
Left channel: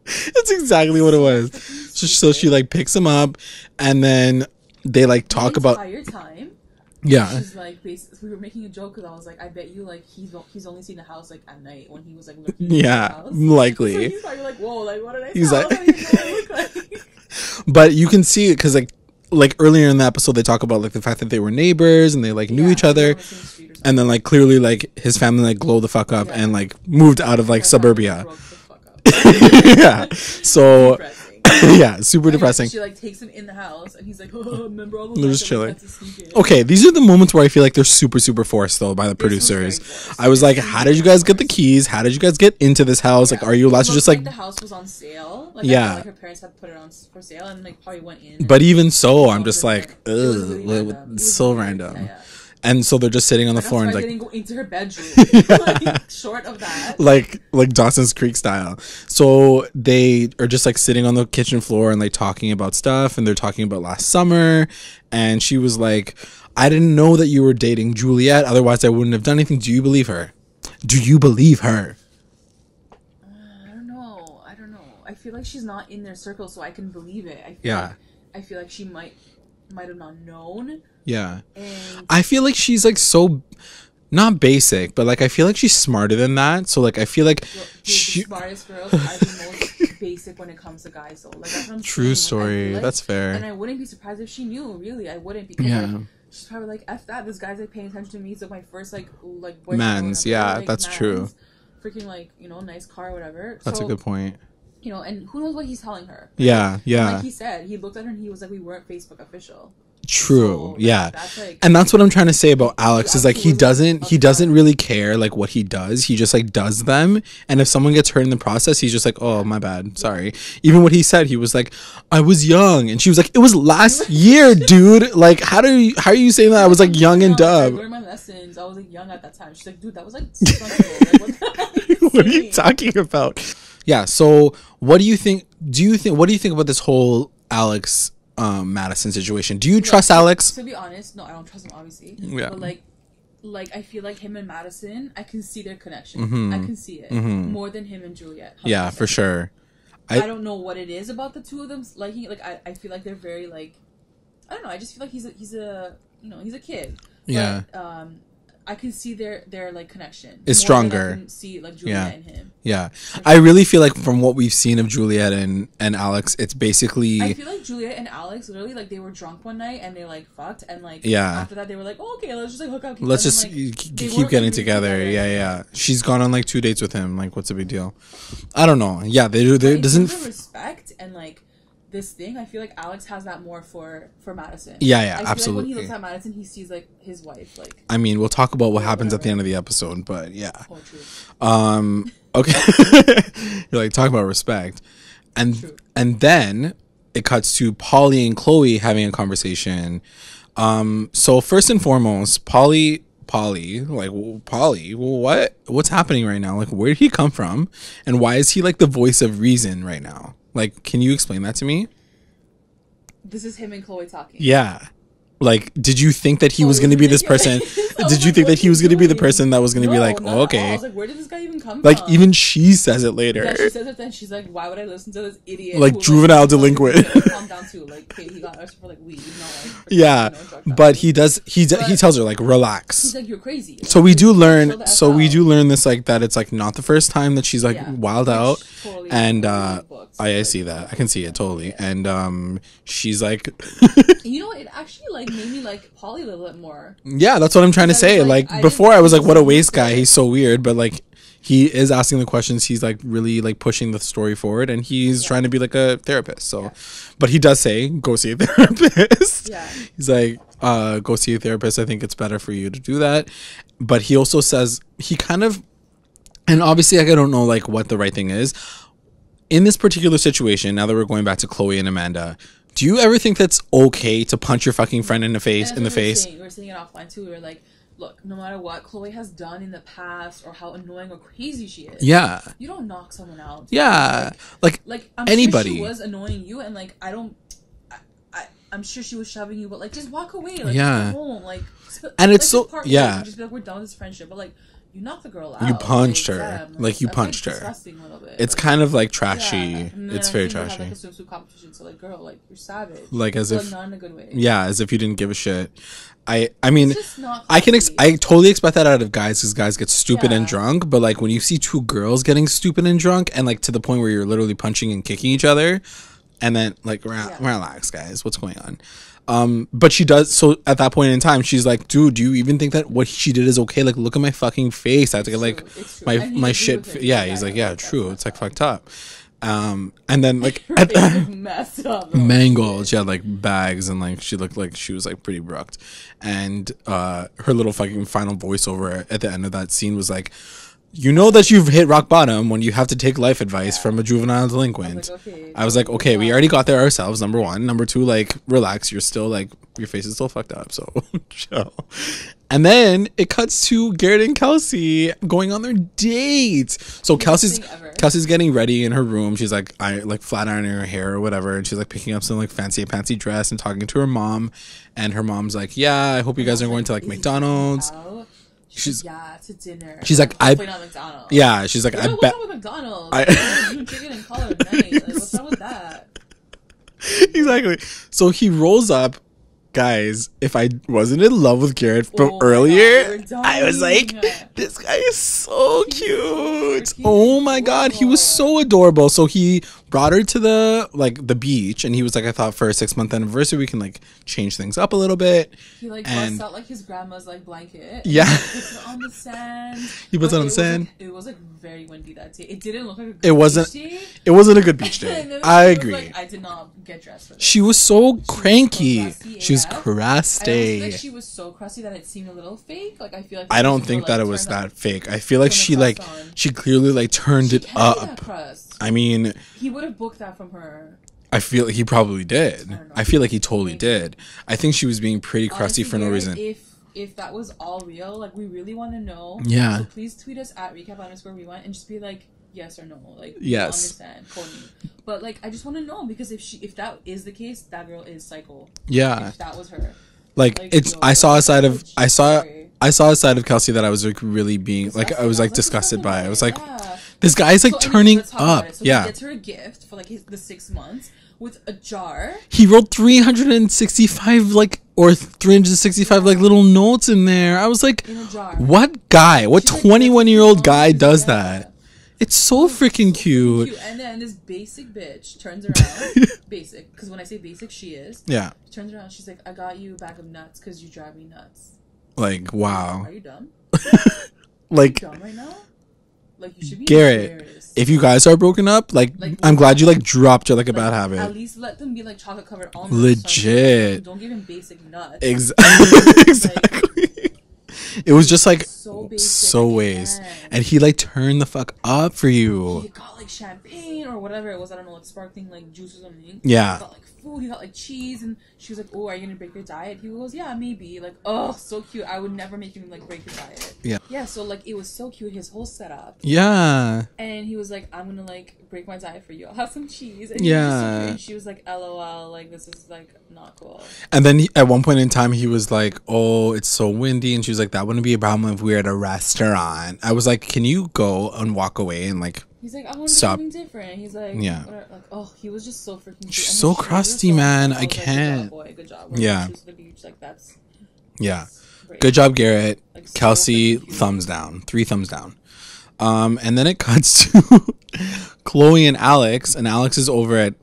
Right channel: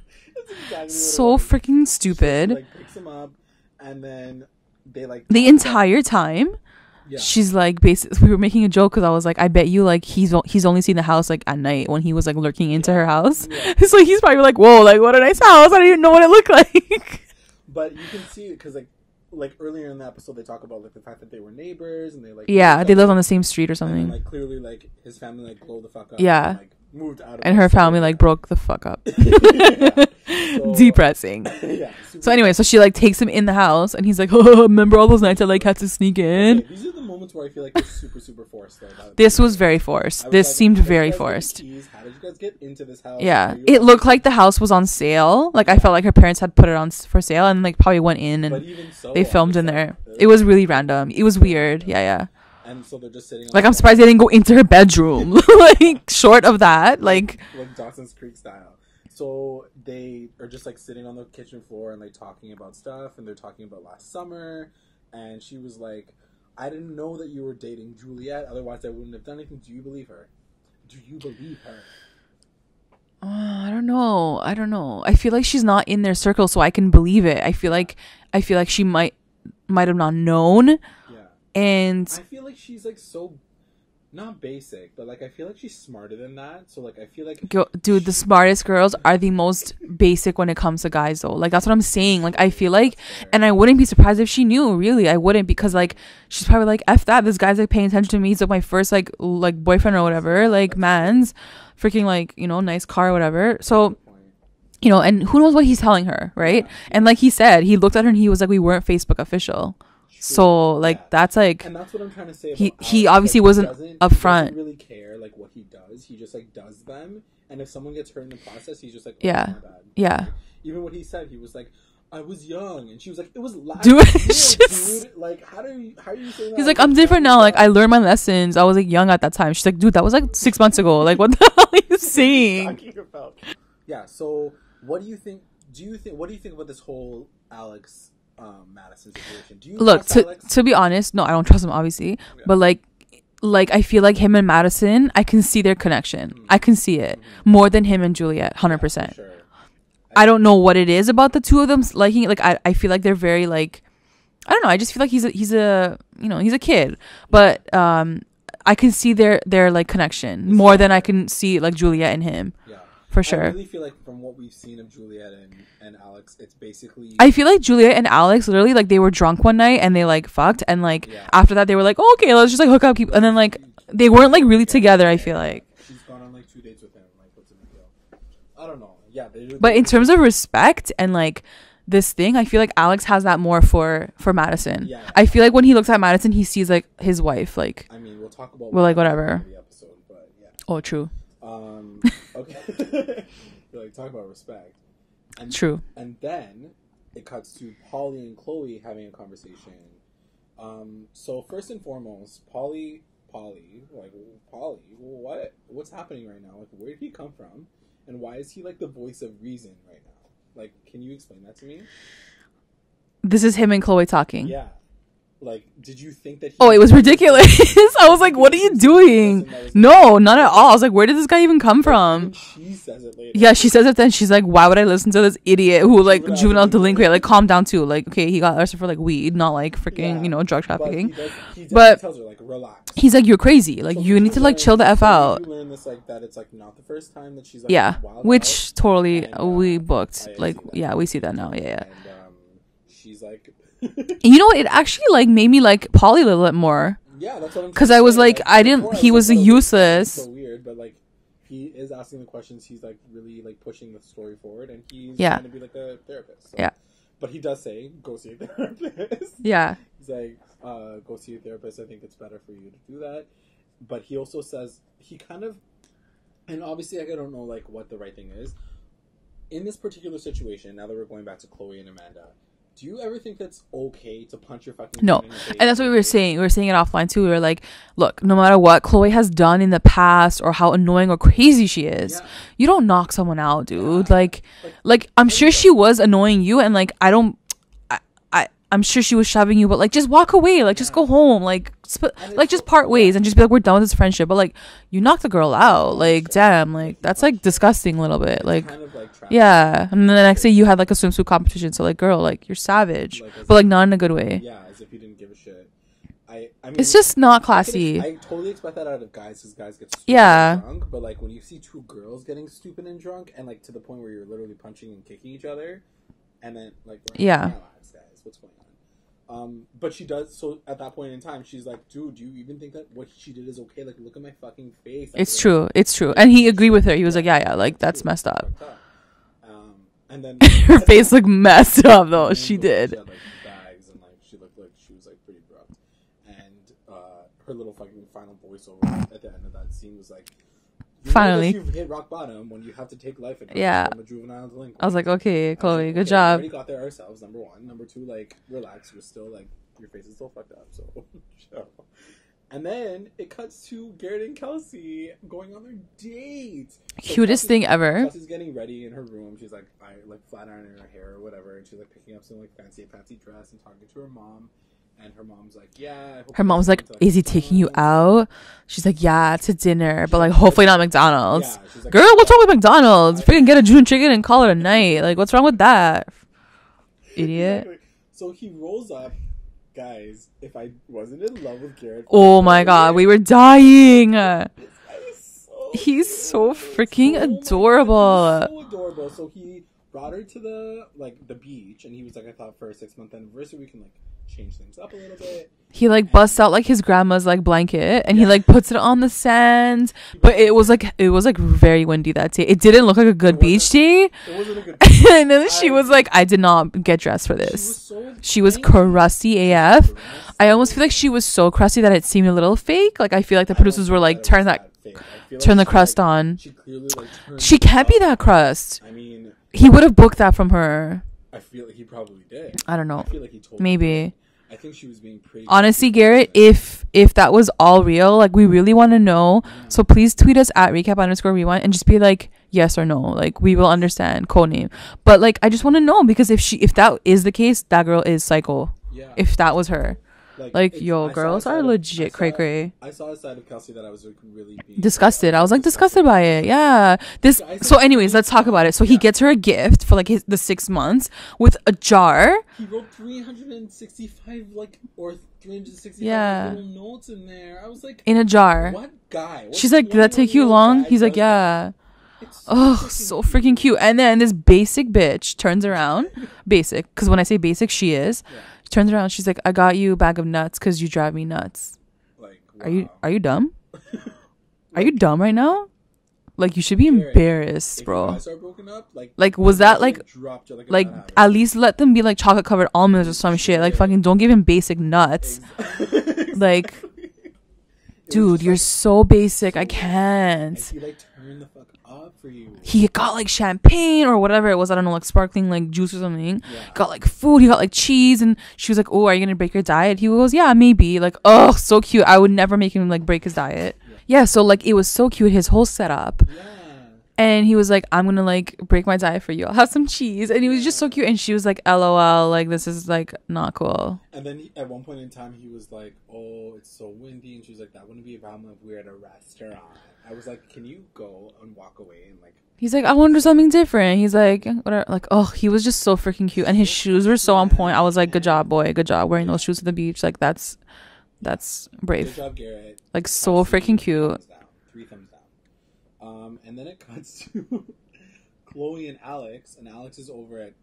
That's exactly what it was. So freaking stupid. So she like picks him up and then they like talk the entire time. Yeah, she's like, basically, we were making a joke because I was like, I bet you like he's only seen the house like at night when he was like lurking into her house. Likely. It's like he's probably like, whoa, like what a nice house. I don't even know what it looked like. But you can see it because like earlier in the episode they talk about like the fact that they were neighbors and they like knew each other. Yeah, they lived on the same street or something. And then like clearly like his family like glowed the fuck up and like moved out of and like her suburbia. Family like broke the fuck up. Yeah, so depressing. Yeah, super. So anyway, depressing. so she like takes him in the house and he's like, oh, remember all those nights I like had to sneak in. Okay, these are the moments where I feel like they're super forced though by the producers. This was very forced. I was like, how did you guys get the keys? How did you guys get into this house? Yeah. Like, are you? It looked like the house was on sale. Like I felt like her parents had put it on for sale and like probably went in. And but even so, I'm just like. It was really random. It was so weird. Random. Yeah. And so they're just sitting on the floor. I'm surprised they didn't go into her bedroom. Like short of that. Like Dawson's Creek style. So they are just like sitting on the kitchen floor and like talking about stuff. And they're talking about last summer. And she was like, I didn't know that you were dating Juliette. Otherwise I wouldn't have done anything. Do you believe her? Do you believe her? I don't know. know. I feel like she's not in their circle, so I can believe it. I feel like she might have not known. Yeah. And I feel like she's like so not basic, but like I feel like she's smarter than that. So like I feel like the smartest girls are the most basic when it comes to guys though. Like that's what I'm saying. Story. Like I feel like, that's fair. And I wouldn't be surprised if she knew. Really, I wouldn't, because like she's probably like, F that, this guy's like paying attention to me. He's like my first like boyfriend or whatever. Yeah, like man's true. Freaking like, you know, nice car or whatever. That's a good point. You know, and who knows what he's telling her, right? Yeah. And like he said, he looked at her and he was like, we weren't Facebook official. True. So like that's like, and that's what I'm trying to say about Alex. Is like he doesn't really care like what he does. He just like does them, and if someone gets hurt in the process, he's just like, oh my bad, sorry. Even what he said, he was like, I was young, and she was like, it was last year, dude. Like how are you saying that? I was like young and dumb. Like I learned my lessons. I was like young at that time. She's like, dude, that was like 6 months ago. Like what the hell are you saying? What are you talking about? Yeah. So what do you think? What do you think about this whole Alex Madisson situation? Do you trust Alex? To be honest, no, I don't trust him obviously. Yeah. But like I feel like him and Madisson, I can see their connection. I can see it more than him and Juliette. 100%. Yeah, for sure. I don't know what it is about the two of them liking. Like I feel like they're very like, I don't know. I just feel like he's a you know, he's a kid, but I can see their like connection more than I can see like Juliette and him. Yeah, for sure. I really feel like from what we've seen of Juliette and Alex, it's basically. I feel like Juliette and Alex literally like they were drunk one night and they like fucked, and like after that they were like, oh, okay, let's just like hook up, and then like they weren't like really together. I feel like she's gone on like 2 dates with him. Like, what's the big deal? I don't know. Yeah, but in terms of respect and like this thing, I feel like Alex has that more for Madisson. Yeah, I feel like when he looks at Madisson, he sees like his wife. Like, I mean, we'll talk about what happens at the end of the episode, but yeah. Oh, true. Okay. You're like talking about respect, and true. And then it cuts to Polly and Chloe having a conversation. So first and foremost, Polly, what's happening right now? Like, where did he come from, and why is he like the voice of reason right now? Like, can you explain that to me? This is him and Chloe talking. Yeah. Like, did you think that he was going to be this person? I was like, what are you doing? Gonna be the person that was going to be like, not at all. I was like, where did this guy even come from? Like, even she says it later. Yeah, she says it then. She's like, why would I listen to this idiot like, who like juvenile delinquent? Like, calm down too. Like, okay, he got arrested for like weed, not like freaking, you know, drug trafficking. But he tells her like, relax. He's like, you're crazy. Like, so we do learn. We do learn this like that. It's like not the first time that she's like wild out. Which totally and we booked. I see that. I can see it totally. And she's like, you know what? It actually like made me like Polly a little bit more. Yeah, that's what I'm trying to say. Like before, I was like, what a waste guy. He's so weird, but like he is asking the questions. He's like really like pushing the story forward, and he's trying to be like a therapist. So, but he does say, go see a therapist. Yeah, he's like, go see a therapist. I think it's better for you to do that. But he also says he kind of, and obviously like I don't know like what the right thing is in this particular situation. Now that we're going back to Chloe and Amanda. Do you ever think that's okay to punch your fucking friend in the face? And that's what we were saying. We were saying it offline too. We were like, look, no matter what Chloe has done in the past or how annoying or crazy she is, you don't knock someone out, dude. Yeah. Like I'm sure she was annoying you, and like I'm sure she was shoving you, but like just walk away, like just go home, like and it's like just part ways and just be like, we're done with this friendship. But like you knocked the girl out, like her. Damn, like that's like disgusting a little bit. It's like, kind of like trashy. Yeah, and then I say you had like a swimsuit competition, so like girl, like you're savage, like but like not in a good way. Yeah, as if you didn't give a shit. I mean, it's just not classy. I totally expect that out of guys because guys get stupid and drunk. But like when you see two girls getting stupid and drunk, and like to the point where you're literally punching and kicking each other, and then like relax, guys, what's going on? But she does. So at that point in time, she's like, dude, do you even think that what she did is okay? Like, look at my fucking face. It's true. Like, it's true. And he agreed with her. He was like, like that's messed up. Fucked up. And then like, her face looked messed up though. Mangled. She had like bags and like she looked like she was like pretty brooked. And her little fucking final voiceover at the end of that scene was like, you know that you've hit rock bottom when you have to take life advice from a juvenile delinquent. I was like, okay, Chloe, we already got there ourselves. Number one. Number two, like, relax. You're still like, your face is still fucked up. So chill. And then it cuts to Garrett and Kelsey going on their date. So Kelsey's getting ready in her room. She's like, flat ironing her hair or whatever. And she's like picking up some like fancy dress and talking to her mom. And her mom's like, yeah, I hope you guys are going to like is McDonald's. He taking you out? She's like, yeah, to dinner. She's but like hopefully not McDonald's. Yeah, she's like, girl, what's wrong with McDonald's? You can get a June chicken and call it a night. Like, what's wrong with that? Exactly. So he rolls up. Guys, if I wasn't in love with Garrett oh my god, we were dying. Like, this guy is so He's cute. So freaking oh my adorable. god, he was so adorable. So he brought her to the beach, and he was like, I thought for a 6-month anniversary we can like change things up a little bit. He like busts out like his grandma's like blanket, and he like puts it on the sand. But it was like very windy that day. It didn't look like a good beach day. It wasn't a good beach day. And then she was like, I did not get dressed for this. She was so she was crusty AF. Crusty. I almost feel like she was so crusty that it seemed a little fake. Like I feel like the producers were like, turn that fake. I feel like turn the she crust like on. she clearly like turned. She can't up. be that crust. I mean, he would have booked that from her. I feel he probably did. I don't know. I feel like he totally did. I think she was being pretty crusty. Honestly, Garrett, if that was all real, like we really want to know. Yeah. So please tweet us at recap_rewind and just be like yes or no. Like we will understand. Codename. But like I just want to know because if that is the case, that girl is psycho. Yeah. If that was her. Like it's, I saw a side of Kelsey that I was like really being disgusted. I was like disgusted by it. Like, yeah, this guy's like. So, anyways, let's talk about it. So he gets her a gift for like the 6 months with a jar. He wrote 365 like or 365 like little notes in there. I was like, in a jar. What guy? What 21-year-old guy does that? It's so freaking cute. And then this basic bitch turns around. Basic. Because when I say basic, she is. Yeah. She turns around. She's like, I got you a bag of nuts because you drive me nuts. Like, wow. Are you dumb? Like, are you dumb right now? Like, you should be Garrett, embarrassed. If you guys are broken up, like I'm glad you like dropped her like a bad habit. At least let them be like chocolate covered almonds or some shit. Like, fucking don't give him basic nuts. Exactly. Like... It was just like so basic. I can't. And he like turned the fuck up for you. He got like champagne or whatever it was. I don't know, like sparkling like juice or something. Yeah. Got like food. He got like cheese, and she was like, "Oh, are you gonna break your diet?" He goes, "Yeah, maybe." Like, oh, so cute. I would never make him like break his diet. Yeah. Yeah. So like, it was so cute. His whole setup. Yeah. And he was like, "I'm gonna like break my diet for you. I'll have some cheese." And he was just so cute. And she was like, "LOL, like this is like not cool." And then at one point in time, he was like, "Oh, it's so windy," and she was like, "That wouldn't be a problem if we were at a restaurant." I was like, "Can you go and walk away and like?" He's like, "I want to do something different." He's like, whatever. Like, oh, he was just so freaking cute, and his shoes were so on point. I was like, "Good job, boy. Good job wearing those shoes to the beach." Like, that's brave. Good job, Garrett. Like, Kelsey, so freaking cute. thumbs down. 3 thumbs down. And then it cuts to Chloe and Alex, and Alex is over at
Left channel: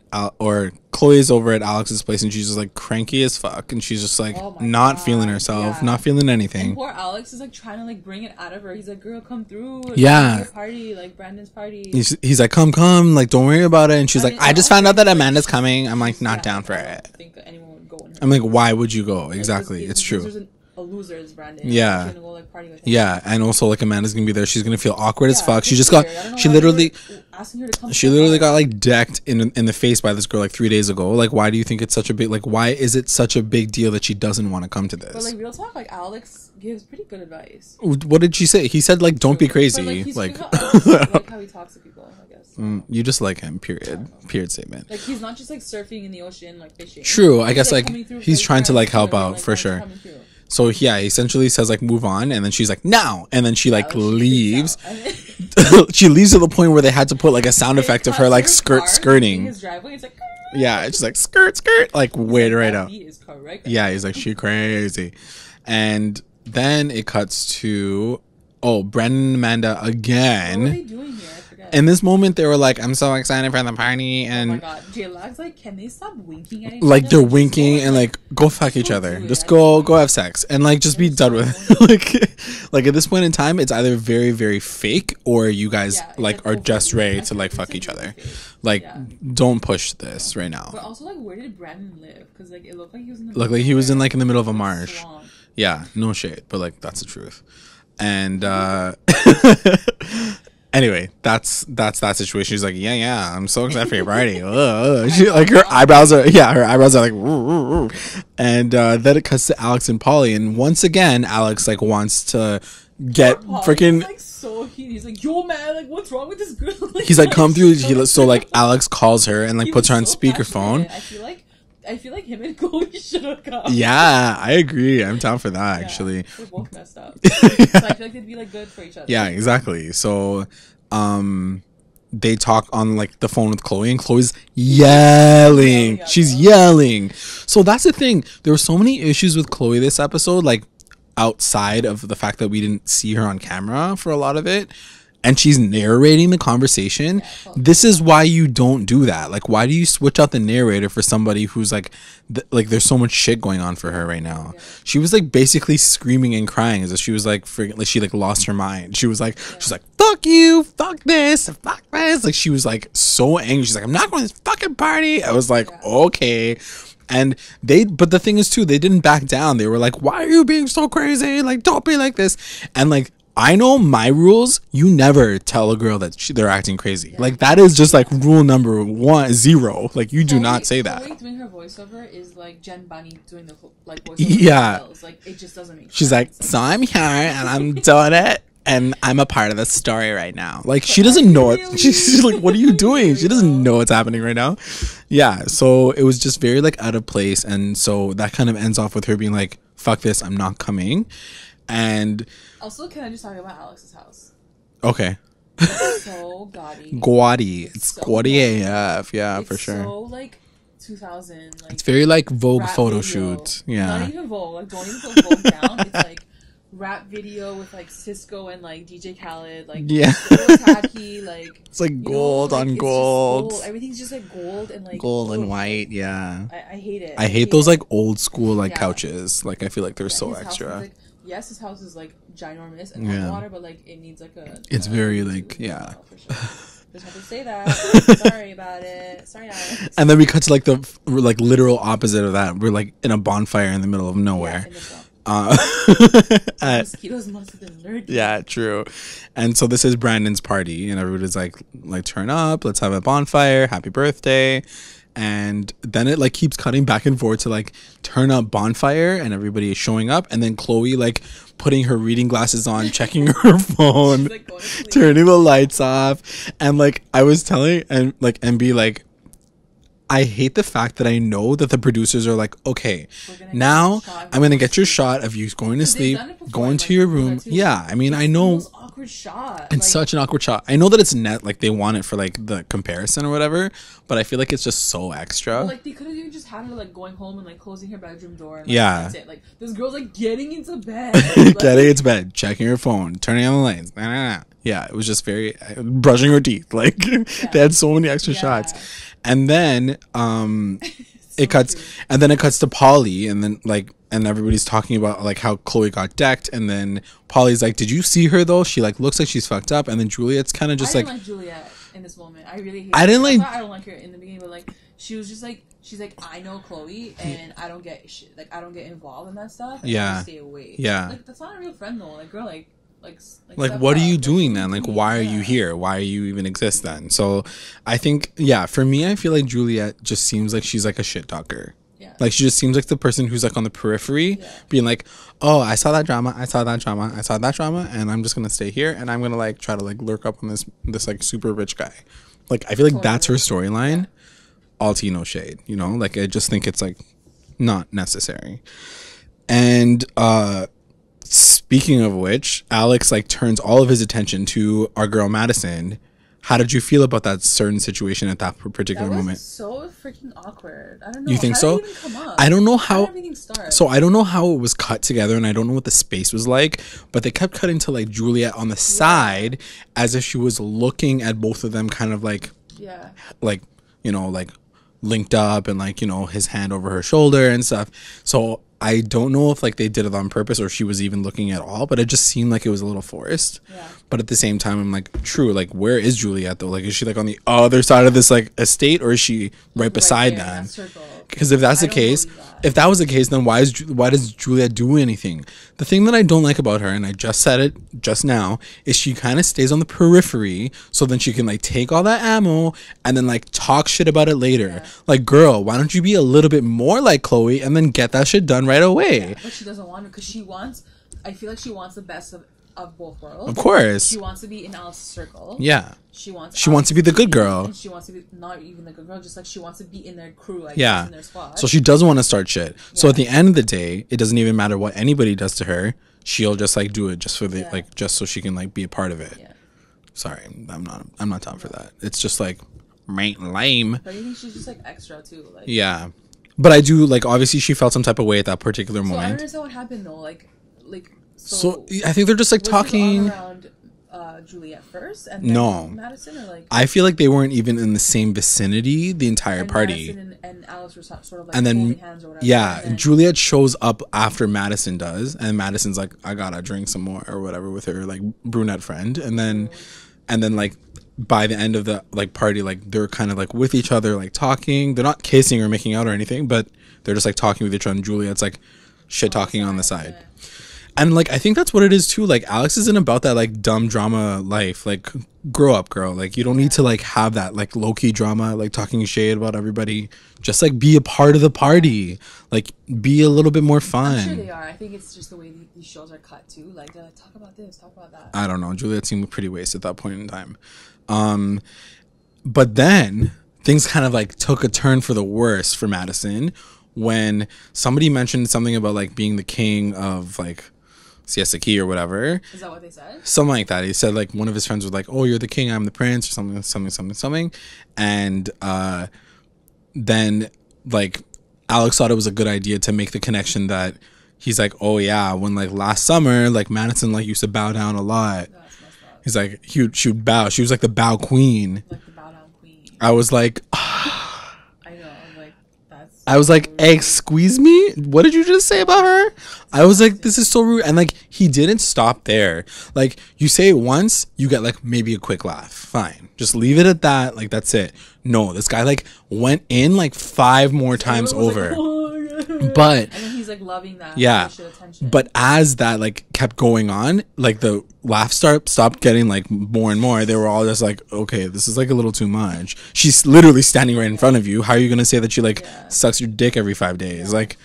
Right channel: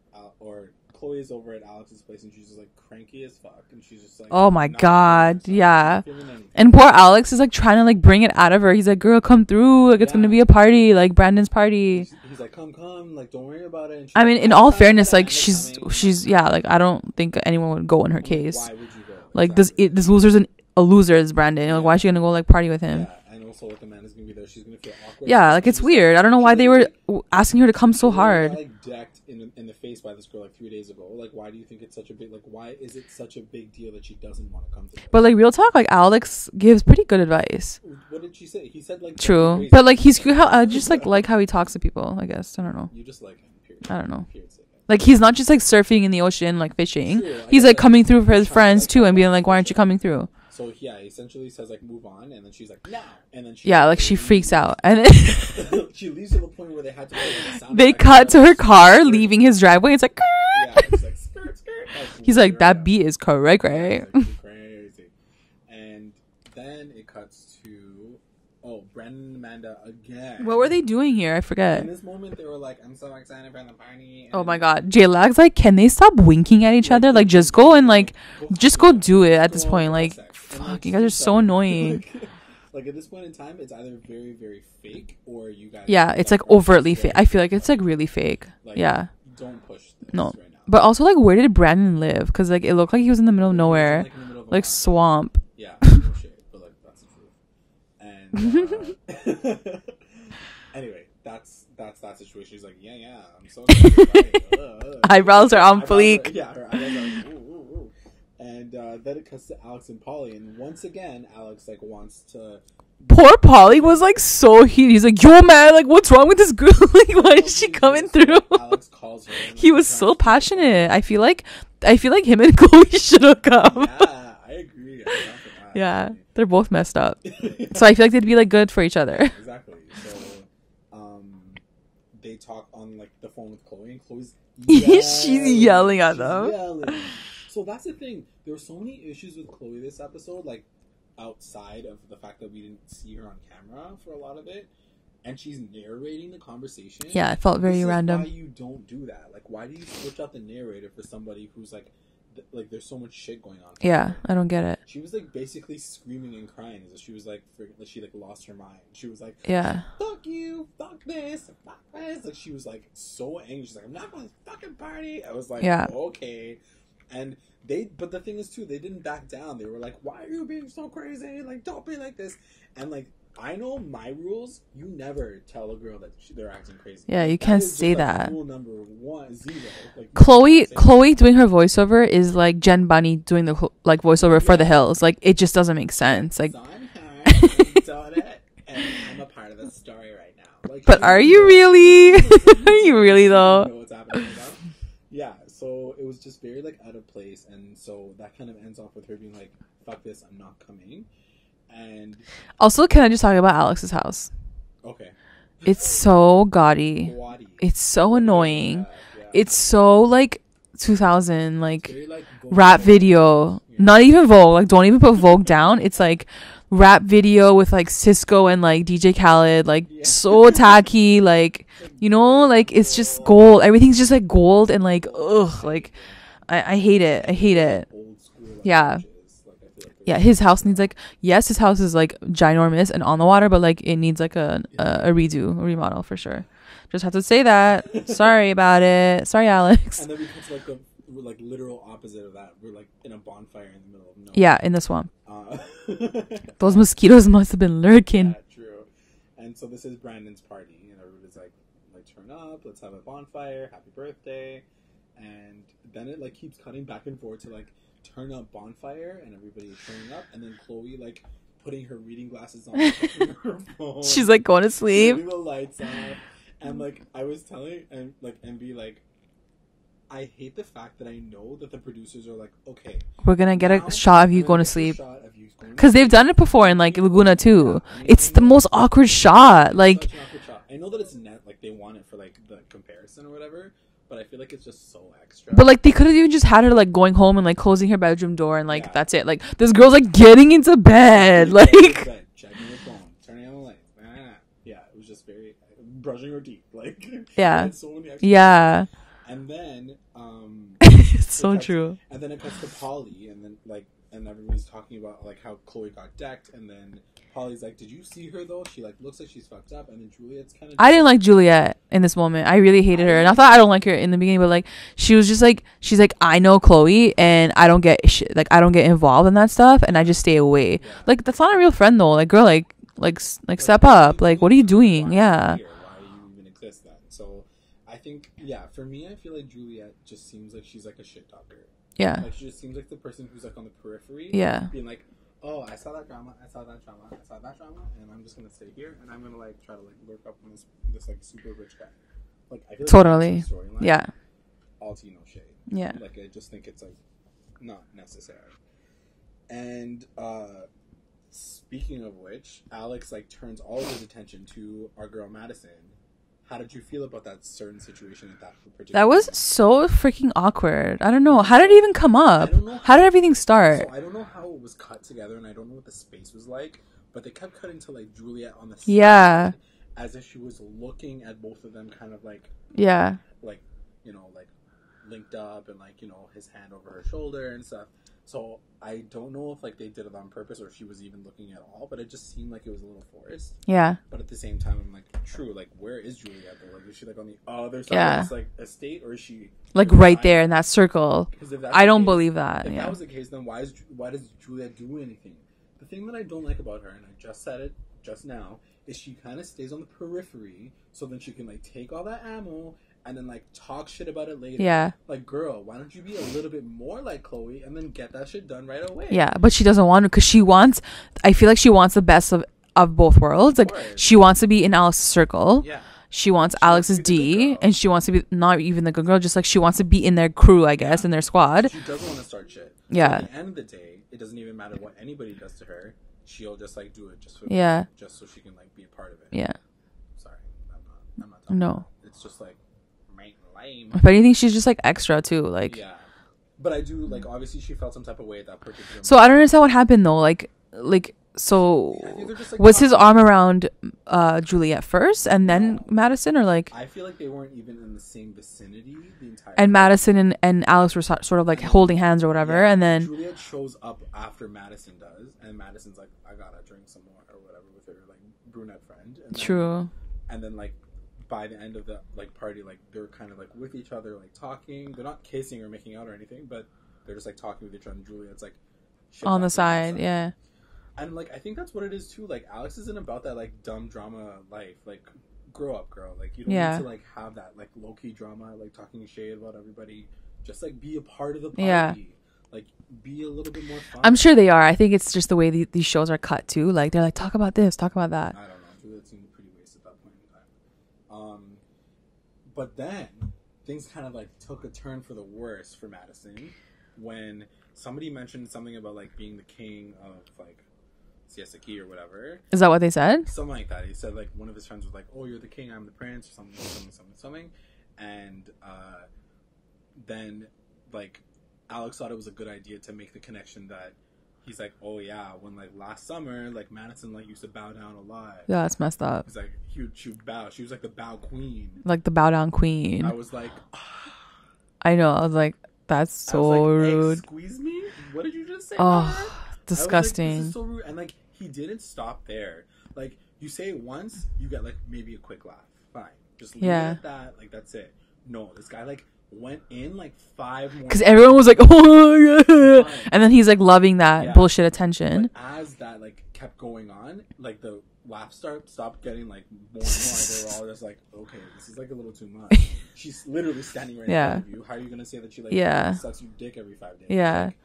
Chloe is over at Alex's place, and she's just like cranky as fuck, and she's just like, oh my not God, feeling herself, not feeling anything. And poor Alex is like trying to like bring it out of her. He's like, "Girl, come through. Like, it's gonna be a party, like Brandon's party." He's like, come, like don't worry about it. And she's like, I just found out that Amanda's coming. I'm like, not down like for I don't think anyone would go in her. I'm like, why would you go? Like, exactly. This loser's a loser is Brandon. Why is she gonna go like party with him? Yeah, and also like Amanda's gonna be there. She's gonna feel awkward as fuck. Like, she just weird. I don't know why they were asking her to come so hard. She literally got like decked in the face by this girl like 3 days ago. Like, why do you think it's such a big why is it such a big deal that she doesn't want to come to this? But like real talk, like Alex gives pretty good advice. What did she say? He said like, don't be crazy. But like he's I just like how he talks to people. I guess I don't know. You just like him. Period. I don't know. Period statement. Like he's not just like surfing in the ocean like fishing. True. He's like coming through for his friends too and being like, why aren't you coming through? So he essentially says like, move on, and then she's like, now, and then she she leaves. Freaks out, and then she leaves to the point where they had to put like a sound effect of her like car skirting. leaving his driveway. It's like, yeah, it's like skirt, like he's like, that beat is correct, right? Yeah, he's like, she crazy, and then it cuts to Brandon and Amanda again. What were they doing here? I forget. In this moment, they were like, I'm so excited for the party. And oh my God. J-Lag's like, can they stop winking at each other? Like, just go and like go fuck just each go other. do it. Just at go, this point. go have sex. And like, just be done so with annoying. like at this point in time, it's either very, very fake or you guys it's like are overtly fake. I feel like it's like really fake. Like, don't push this right now. But also like, where did Brandon live? Because like, it looked like he was in the middle of nowhere. He was in like in the middle of a marsh. Swamp. Yeah, no shade. But like, that's the truth. And anyway, that's that situation. She's like, yeah, I'm so excited for your party. Her eyebrows are like, and then it cuts to Alex and Polly, and once again, Alex like wants to. Poor Polly was like so heated. He's like, yo man, like what's wrong with this girl? He's like, come through. So like Alex calls her and like puts her on speakerphone. I feel like I feel like him and Chloe should hook up. Yeah, I agree. I'm down for that. Yeah, actually, they're both messed up. So I feel like they'd be like good for each other. Yeah, exactly. So, they talk on like the phone with Chloe, and Chloe's yelling. She's yelling. So that's the thing. There were so many issues with Chloe this episode, like outside of the fact that we didn't see her on camera for a lot of it. And she's narrating the conversation. Yeah, I felt really this is why you don't do that. Like, why do you switch out the narrator for somebody who's like, there's so much shit going on for her right now. I don't get it. She was like basically screaming and crying as if she was like freaking, like she like lost her mind. She was like, she's like, fuck you, fuck this, fuck this. Like she was like so angry. She's like, I'm not going to this fucking party. I was like, okay. And but the thing is too, they didn't back down. They were like, why are you being so crazy? Like, don't be like this. And like, I know my rules. You never tell a girl that they're acting crazy. Yeah, like that is just like rule number 0. Like you do not say that. Chloe doing her voiceover is like Jen Bunny doing the like voiceover for the hills. Like it just doesn't make sense. She's like, so I'm here and I'm doing it and I'm a part of the story right now. Like she doesn't know. Really? She's like, what are you doing? Really, she doesn't know what's happening right now. Yeah. So it was just very like out of place, and so that kind of ends off with her being like, "Fuck this, I'm not coming." And also, can I just talk about Alex's house? Okay. It's so gaudy. It's so annoying. AF. Yeah, it's so like 2000, like it's very like Vogue rap video. Yeah. Not even Vogue. Like don't even put Vogue down. It's like rap video with like Cisco and like DJ Khaled, like so tacky, like it's like you know, like it's just gold. Everything's just like gold and like gold and white. Like, yeah, I hate it. I hate those like old school like couches. Like I feel like they're so his extra. house needs like his house is like ginormous and on the water, but like it needs like a redo, remodel for sure. Just have to say that. Sorry about it. Sorry, Alex. And then we cut to like the like literal opposite of that. We're like in a bonfire in the middle of nowhere. Yeah, in the swamp. Those mosquitoes must have been lurking. Yeah, true. And so this is Brandon's party, and everybody's like turn up, let's have a bonfire, happy birthday. And then it like keeps cutting back and forth to like turn up bonfire, and everybody is showing up, and then Chloe like putting her reading glasses on, checking her phone. She's like going to sleep, turning the lights off. And like I was telling and like MB, like I hate the fact that I know that the producers are like, okay, we're gonna get a shot of you. I'm gonna get your shot of you going to sleep, because they've done it before in like Laguna too. Yeah, I mean, it's I know the most awkward shot. It's like such an awkward shot. I know that it's like they want it for like the comparison or whatever, but I feel like it's just so extra. But like they could have even just had her like going home and like closing her bedroom door and like that's it. Like this girl's like getting into bed, like getting into bed, checking her phone, turning on the lights. Yeah, it was just very brushing her teeth. Like they had so many extra shots. And then it cuts and then it cuts to Polly, and then like and everybody's talking about like how Chloe got decked, and then Polly's like, did you see her though? She like looks like she's fucked up. And then Juliet's kind of just I didn't like Juliette in this moment. I really hated her. I thought I don't like her in the beginning, but like she was just like, she's like, I know Chloe and I don't get I don't get involved in that stuff, and I just stay away. Yeah, like that's not a real friend though. Like girl, like step up. Like what are you doing? Like, why are you here? Why are you even exist then? So I think for me, I feel like Juliette just seems like she's like a shit talker. Yeah, like she just seems like the person who's like on the periphery, being like, oh, I saw that drama, and I'm just gonna stay here, and I'm gonna like try to like lurk up on this like super rich guy. Like I feel like that's her storyline. Yeah, all tea, no shade. You know, like I just think it's like not necessary. And speaking of which, Alex like turns all of his attention to our girl Madison. How did you feel about that certain situation at that particular moment? That was so freaking awkward. I don't know. How did it even come up? I don't know how did everything start? So I don't know how it was cut together, and I don't know what the space was like, but they kept cutting to like Juliette on the side as if she was looking at both of them kind of like like, you know, like linked up, and like, you know, his hand over her shoulder and stuff. So I don't know if like they did it on purpose or she was even looking at all, but it just seemed like it was a little forced. Yeah. But at the same time, I'm like, true, like where is Juliette though? Like is she like on the other side of this like estate, or is she like right there in that circle? Because if that's the case, I don't believe that. If that was the case, then why does Juliette do anything? The thing that I don't like about her, and I just said it just now, is she kind of stays on the periphery, so then she can like take all that ammo and then like talk shit about it later. Yeah. Like, girl, why don't you be a little bit more like Chloe and then get that shit done right away? Yeah, but she doesn't want to, because I feel like she wants the best of both worlds. Of course. She wants to be in Alice's circle. Yeah. she wants to be the good girl, and she wants to be not even the good girl, just like she wants to be in their crew, I guess, in their squad. So she doesn't want to start shit. So at the end of the day, it doesn't even matter what anybody does to her. She'll just like do it just for the like, just so she can like be a part of it. Yeah. Sorry, I'm not down for that. It's just like lame. But I think she's just like extra too, like. Yeah, but I do like, obviously she felt some type of way at that particular moment. So I don't understand what happened though, like. So I think they're just like, was talking. his arm around Juliette first and then Madison, or like? I feel like they weren't even in the same vicinity the entire and party. Madison and Alex were sort of like holding hands or whatever. Yeah, and then Juliette shows up after Madison does, and Madison's like, I gotta drink some more or whatever with her like brunette friend, and then like by the end of the like party, like they're kind of like with each other, like talking. They're not kissing or making out or anything, but they're just like talking with each other. And Juliette's like shit talking on the side. Yeah. And like I think that's what it is too. Like Alex isn't about that like dumb drama life. Like grow up, girl. Like you don't need to like have that like low key drama, like talking shade about everybody. Just like be a part of the party. Like be a little bit more fun. I'm sure they are. I think it's just the way these shows are cut too. Like they're like, talk about this, talk about that. I don't know. Juliette seemed pretty wasted at that point in time. But then things kind of like took a turn for the worse for Madison when somebody mentioned something about like being the king of like Siesta Key or whatever. Is that what they said? Something like that. He said like one of his friends was like, oh, you're the king, I'm the prince, or something. And then like Alex thought it was a good idea to make the connection that he's like, oh yeah, when like last summer, like Madison like used to bow down a lot. Yeah, that's messed up. He's like, she would bow. She was like the bow queen. Like the bow down queen. I was like, I know. I was like, that's so I was like, rude. excuse me? What did you just say about her? Disgusting. I was like, this is so rude. And like, he didn't stop there. Like, you say it once, you get like maybe a quick laugh. Fine. Just leave it at that. Like, that's it. No, this guy like went in like 5 more times. Everyone was like, oh yeah. But and then he's like loving that bullshit attention. But as that like kept going on, like the laugh stopped getting like more and more. They were all just like, okay, this is like a little too much. She's literally standing right in front of you. How are you gonna say that she like sucks your dick every 5 days? Like,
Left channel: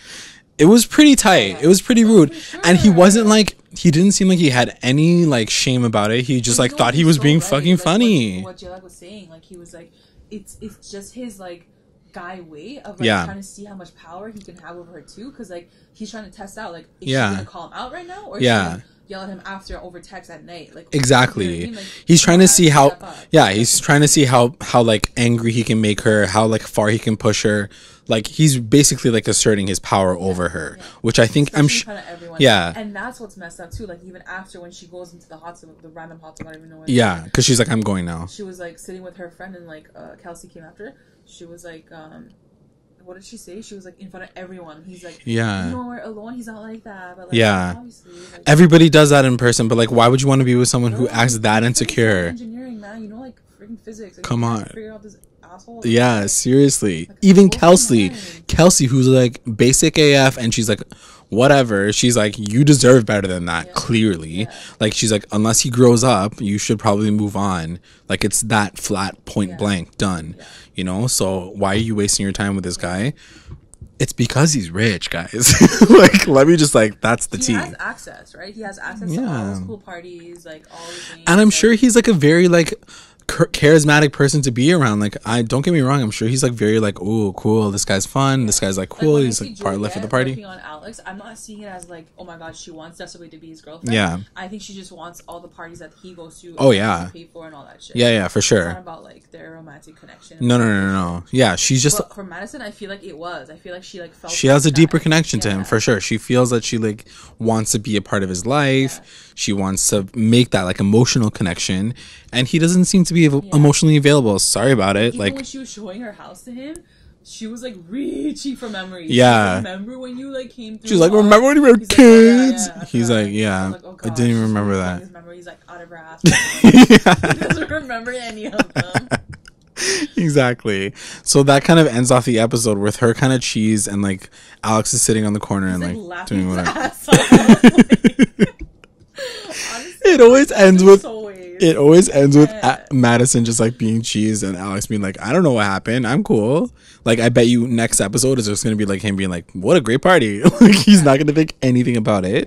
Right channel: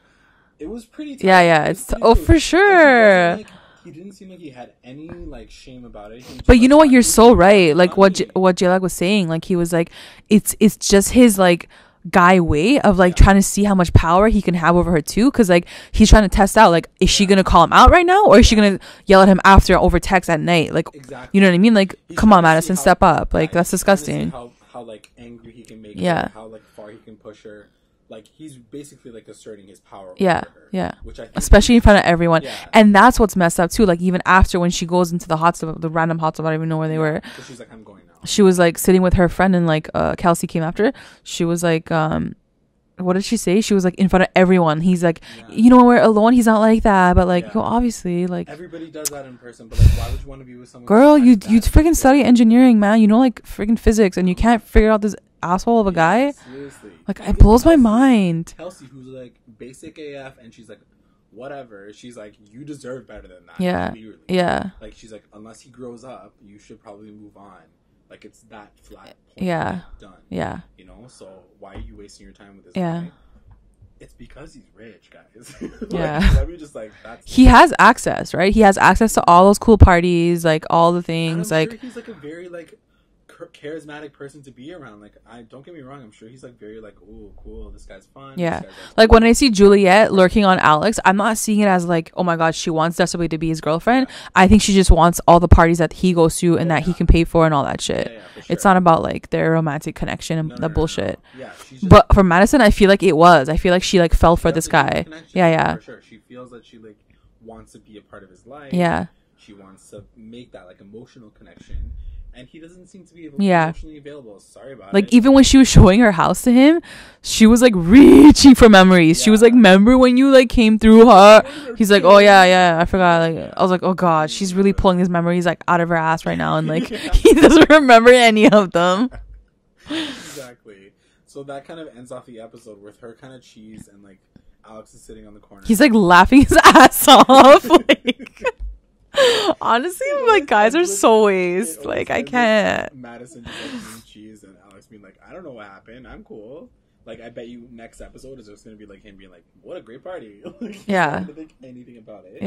it was pretty tight. It was pretty rude. For sure. And he wasn't like, he didn't seem like he had any like shame about it. He just but you know thought what, you're he was so being right. Like funny. what Jalak was saying, like he was like, it's just his like guy way of like trying to see how much power he can have over her too, because like he's trying to test out like, is she gonna call him out right now, or is she gonna yell at him after over text at night? Like, exactly, you know what I mean? Like, he's trying to see how step up. Yeah, like, he's trying to see how like angry he can make her, how like far he can push her. Like, he's basically like asserting his power over her, which I think, especially in front of everyone. Yeah, and that's what's messed up too. Like, even after when she goes into the hot tub, the random hot tub, I don't even know where they were. Yeah, because she's like, I'm going now. She was like sitting with her friend, and like Kelsey came after. She was like, what did she say? She was like in front of everyone. He's like, you know, when we're alone, he's not like that. But like, no, obviously, like everybody does that in person. But like, why would you want to be with someone who acts that insecure? You freaking study engineering, man. You know, like freaking physics, and you can't figure out this asshole of a guy. Yeah, seriously. Like, even Kelsey, who's like basic AF, and she's like, whatever. She's like, you deserve better than that. Clearly, like she's like, unless he grows up, you should probably move on. Like, it's that flat, point blank, done. Yeah, you know. So why are you wasting your time with this guy? It's because he's rich, guys. Like, let me just like, that's the he has access, right? He has access to all those cool parties, like all the things. And I'm like, sure he's like a very like charismatic person to be around. Like, I don't get me wrong, I'm sure he's like very like, oh cool, this guy's fun, this guy's like cool. Like when I see Juliette lurking on Alex, I'm not seeing it as like, oh my god, she wants desperately to be his girlfriend. I think she just wants all the parties that he goes to and that he can pay for and all that shit. For sure. It's not about like their romantic connection and bullshit. No. Yeah, she's just, but for Madison, I feel like it was. I feel like she like felt, she has a deeper connection to him, for sure. She feels that she like wants to be a part of his life. She wants to make that like emotional connection, and he doesn't seem to be emotionally available. Sorry about it. Even when she was showing her house to him, she was like reaching for memories. She was like, remember when you like came through? Like, he's like, oh yeah, I forgot. Like, I was like, oh god, she's really pulling his memories like out of her ass right now, and like, he doesn't remember any of them. Exactly. So that kind of ends off the episode with her kind of cheese, and like Alex is sitting on the corner. He's like laughing his ass off. Like, honestly, it always ends with it always ends with Madison just like being cheese and Alex being like, I don't know what happened, I'm cool. Like, I bet you next episode is just gonna be like him being like, what a great party. Like, he's not gonna think anything about it.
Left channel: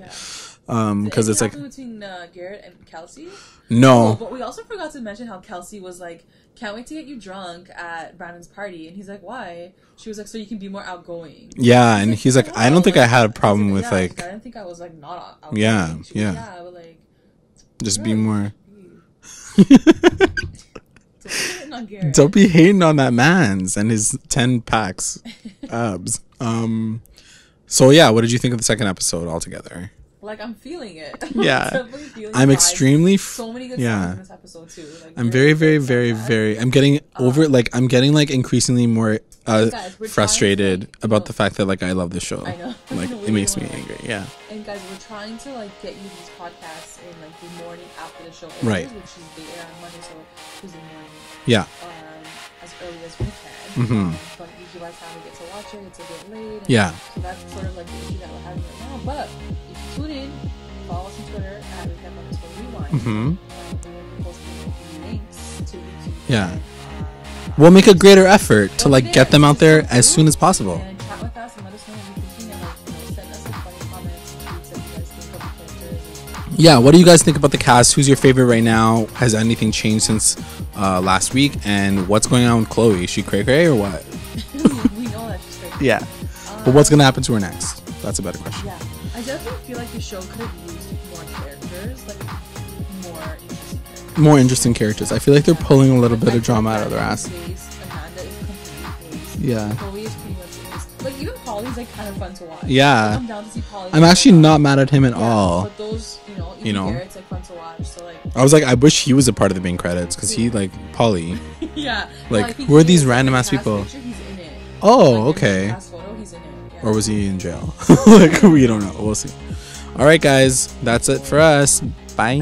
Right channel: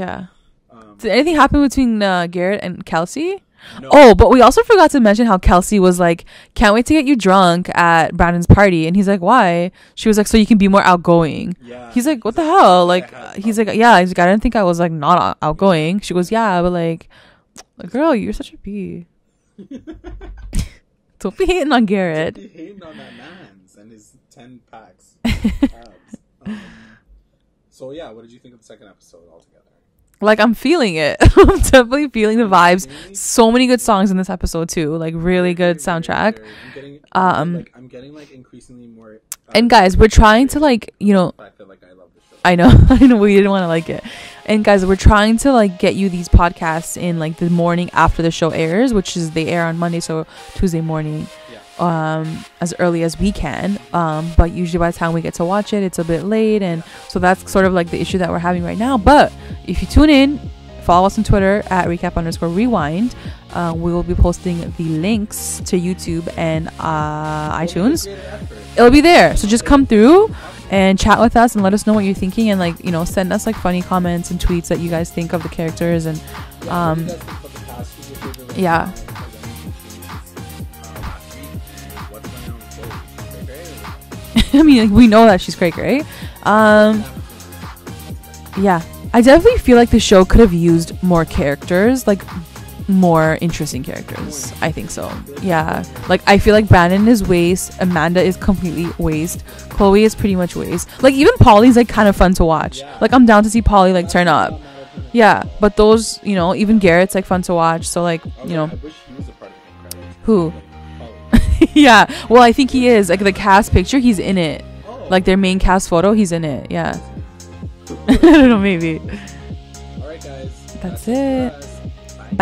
Did anything happen between Garrett and Kelsey? No. Oh, but we also forgot to mention how Kelsey was like, can't wait to get you drunk at Brandon's party. And he's like, why? She was like, so you can be more outgoing. Yeah. He's like, I don't think I had a problem with yeah, he's like, I didn't think I was like not outgoing. She goes, yeah, but like, just girl, be you more. should be. Don't be hating on Garrett. Don't be hating on that man's and his 10 packs abs. So yeah, what did you think of the second episode altogether? Like, I'm feeling it. Yeah. I'm definitely feeling the vibes. So many good songs in this episode too. Like, really good soundtrack. I'm getting over I'm getting like increasingly more and guys, we're trying to like, you know, the fact that like I love this show. I know we didn't want to like it. Yeah. And guys, we're trying to like get you these podcasts in like the morning after the show airs, which is they air on Monday, so Tuesday morning. Yeah. As early as we can. But usually by the time we get to watch it, it's a bit late, and so that's sort of like the issue that we're having right now. But if you tune in, follow us on Twitter at recap_rewind. We will be posting the links to YouTube and we'll iTunes. make a greater effort to like get them out there as soon as possible and chat with us and let us know what you're thinking, and like, you know, send us like funny comments and tweets that you guys think of the characters. And what do you guys think about the cast? Who's your favorite right now? Has anything changed since last week? And what's going on with Chloe? Is she cray or what? I mean, we know that she's cray. But what's gonna happen to her next? That's a better question. Yeah, I definitely feel like the show could have used more characters, like more interesting characters. I feel like they're pulling a little bit. I feel like Brandon is waste. Amanda is completely waste. Yeah. Chloe is pretty much waste. Like, even Polly's like kind of fun to watch. Yeah. Like, I'm down to see Polly. Like, I'm actually not mad at him at all. Yeah. But those, you know, even Garrett's like fun to watch. So like, I was like, I wish he was a part of the main credits because he like Polly. Yeah. Well, I think he is. Like, the cast picture, he's in it. Oh. Like their main cast photo, he's in it. Yeah. Or was he in jail? Like, I don't know, maybe. We'll see. All right, guys. That's it for us. Bye.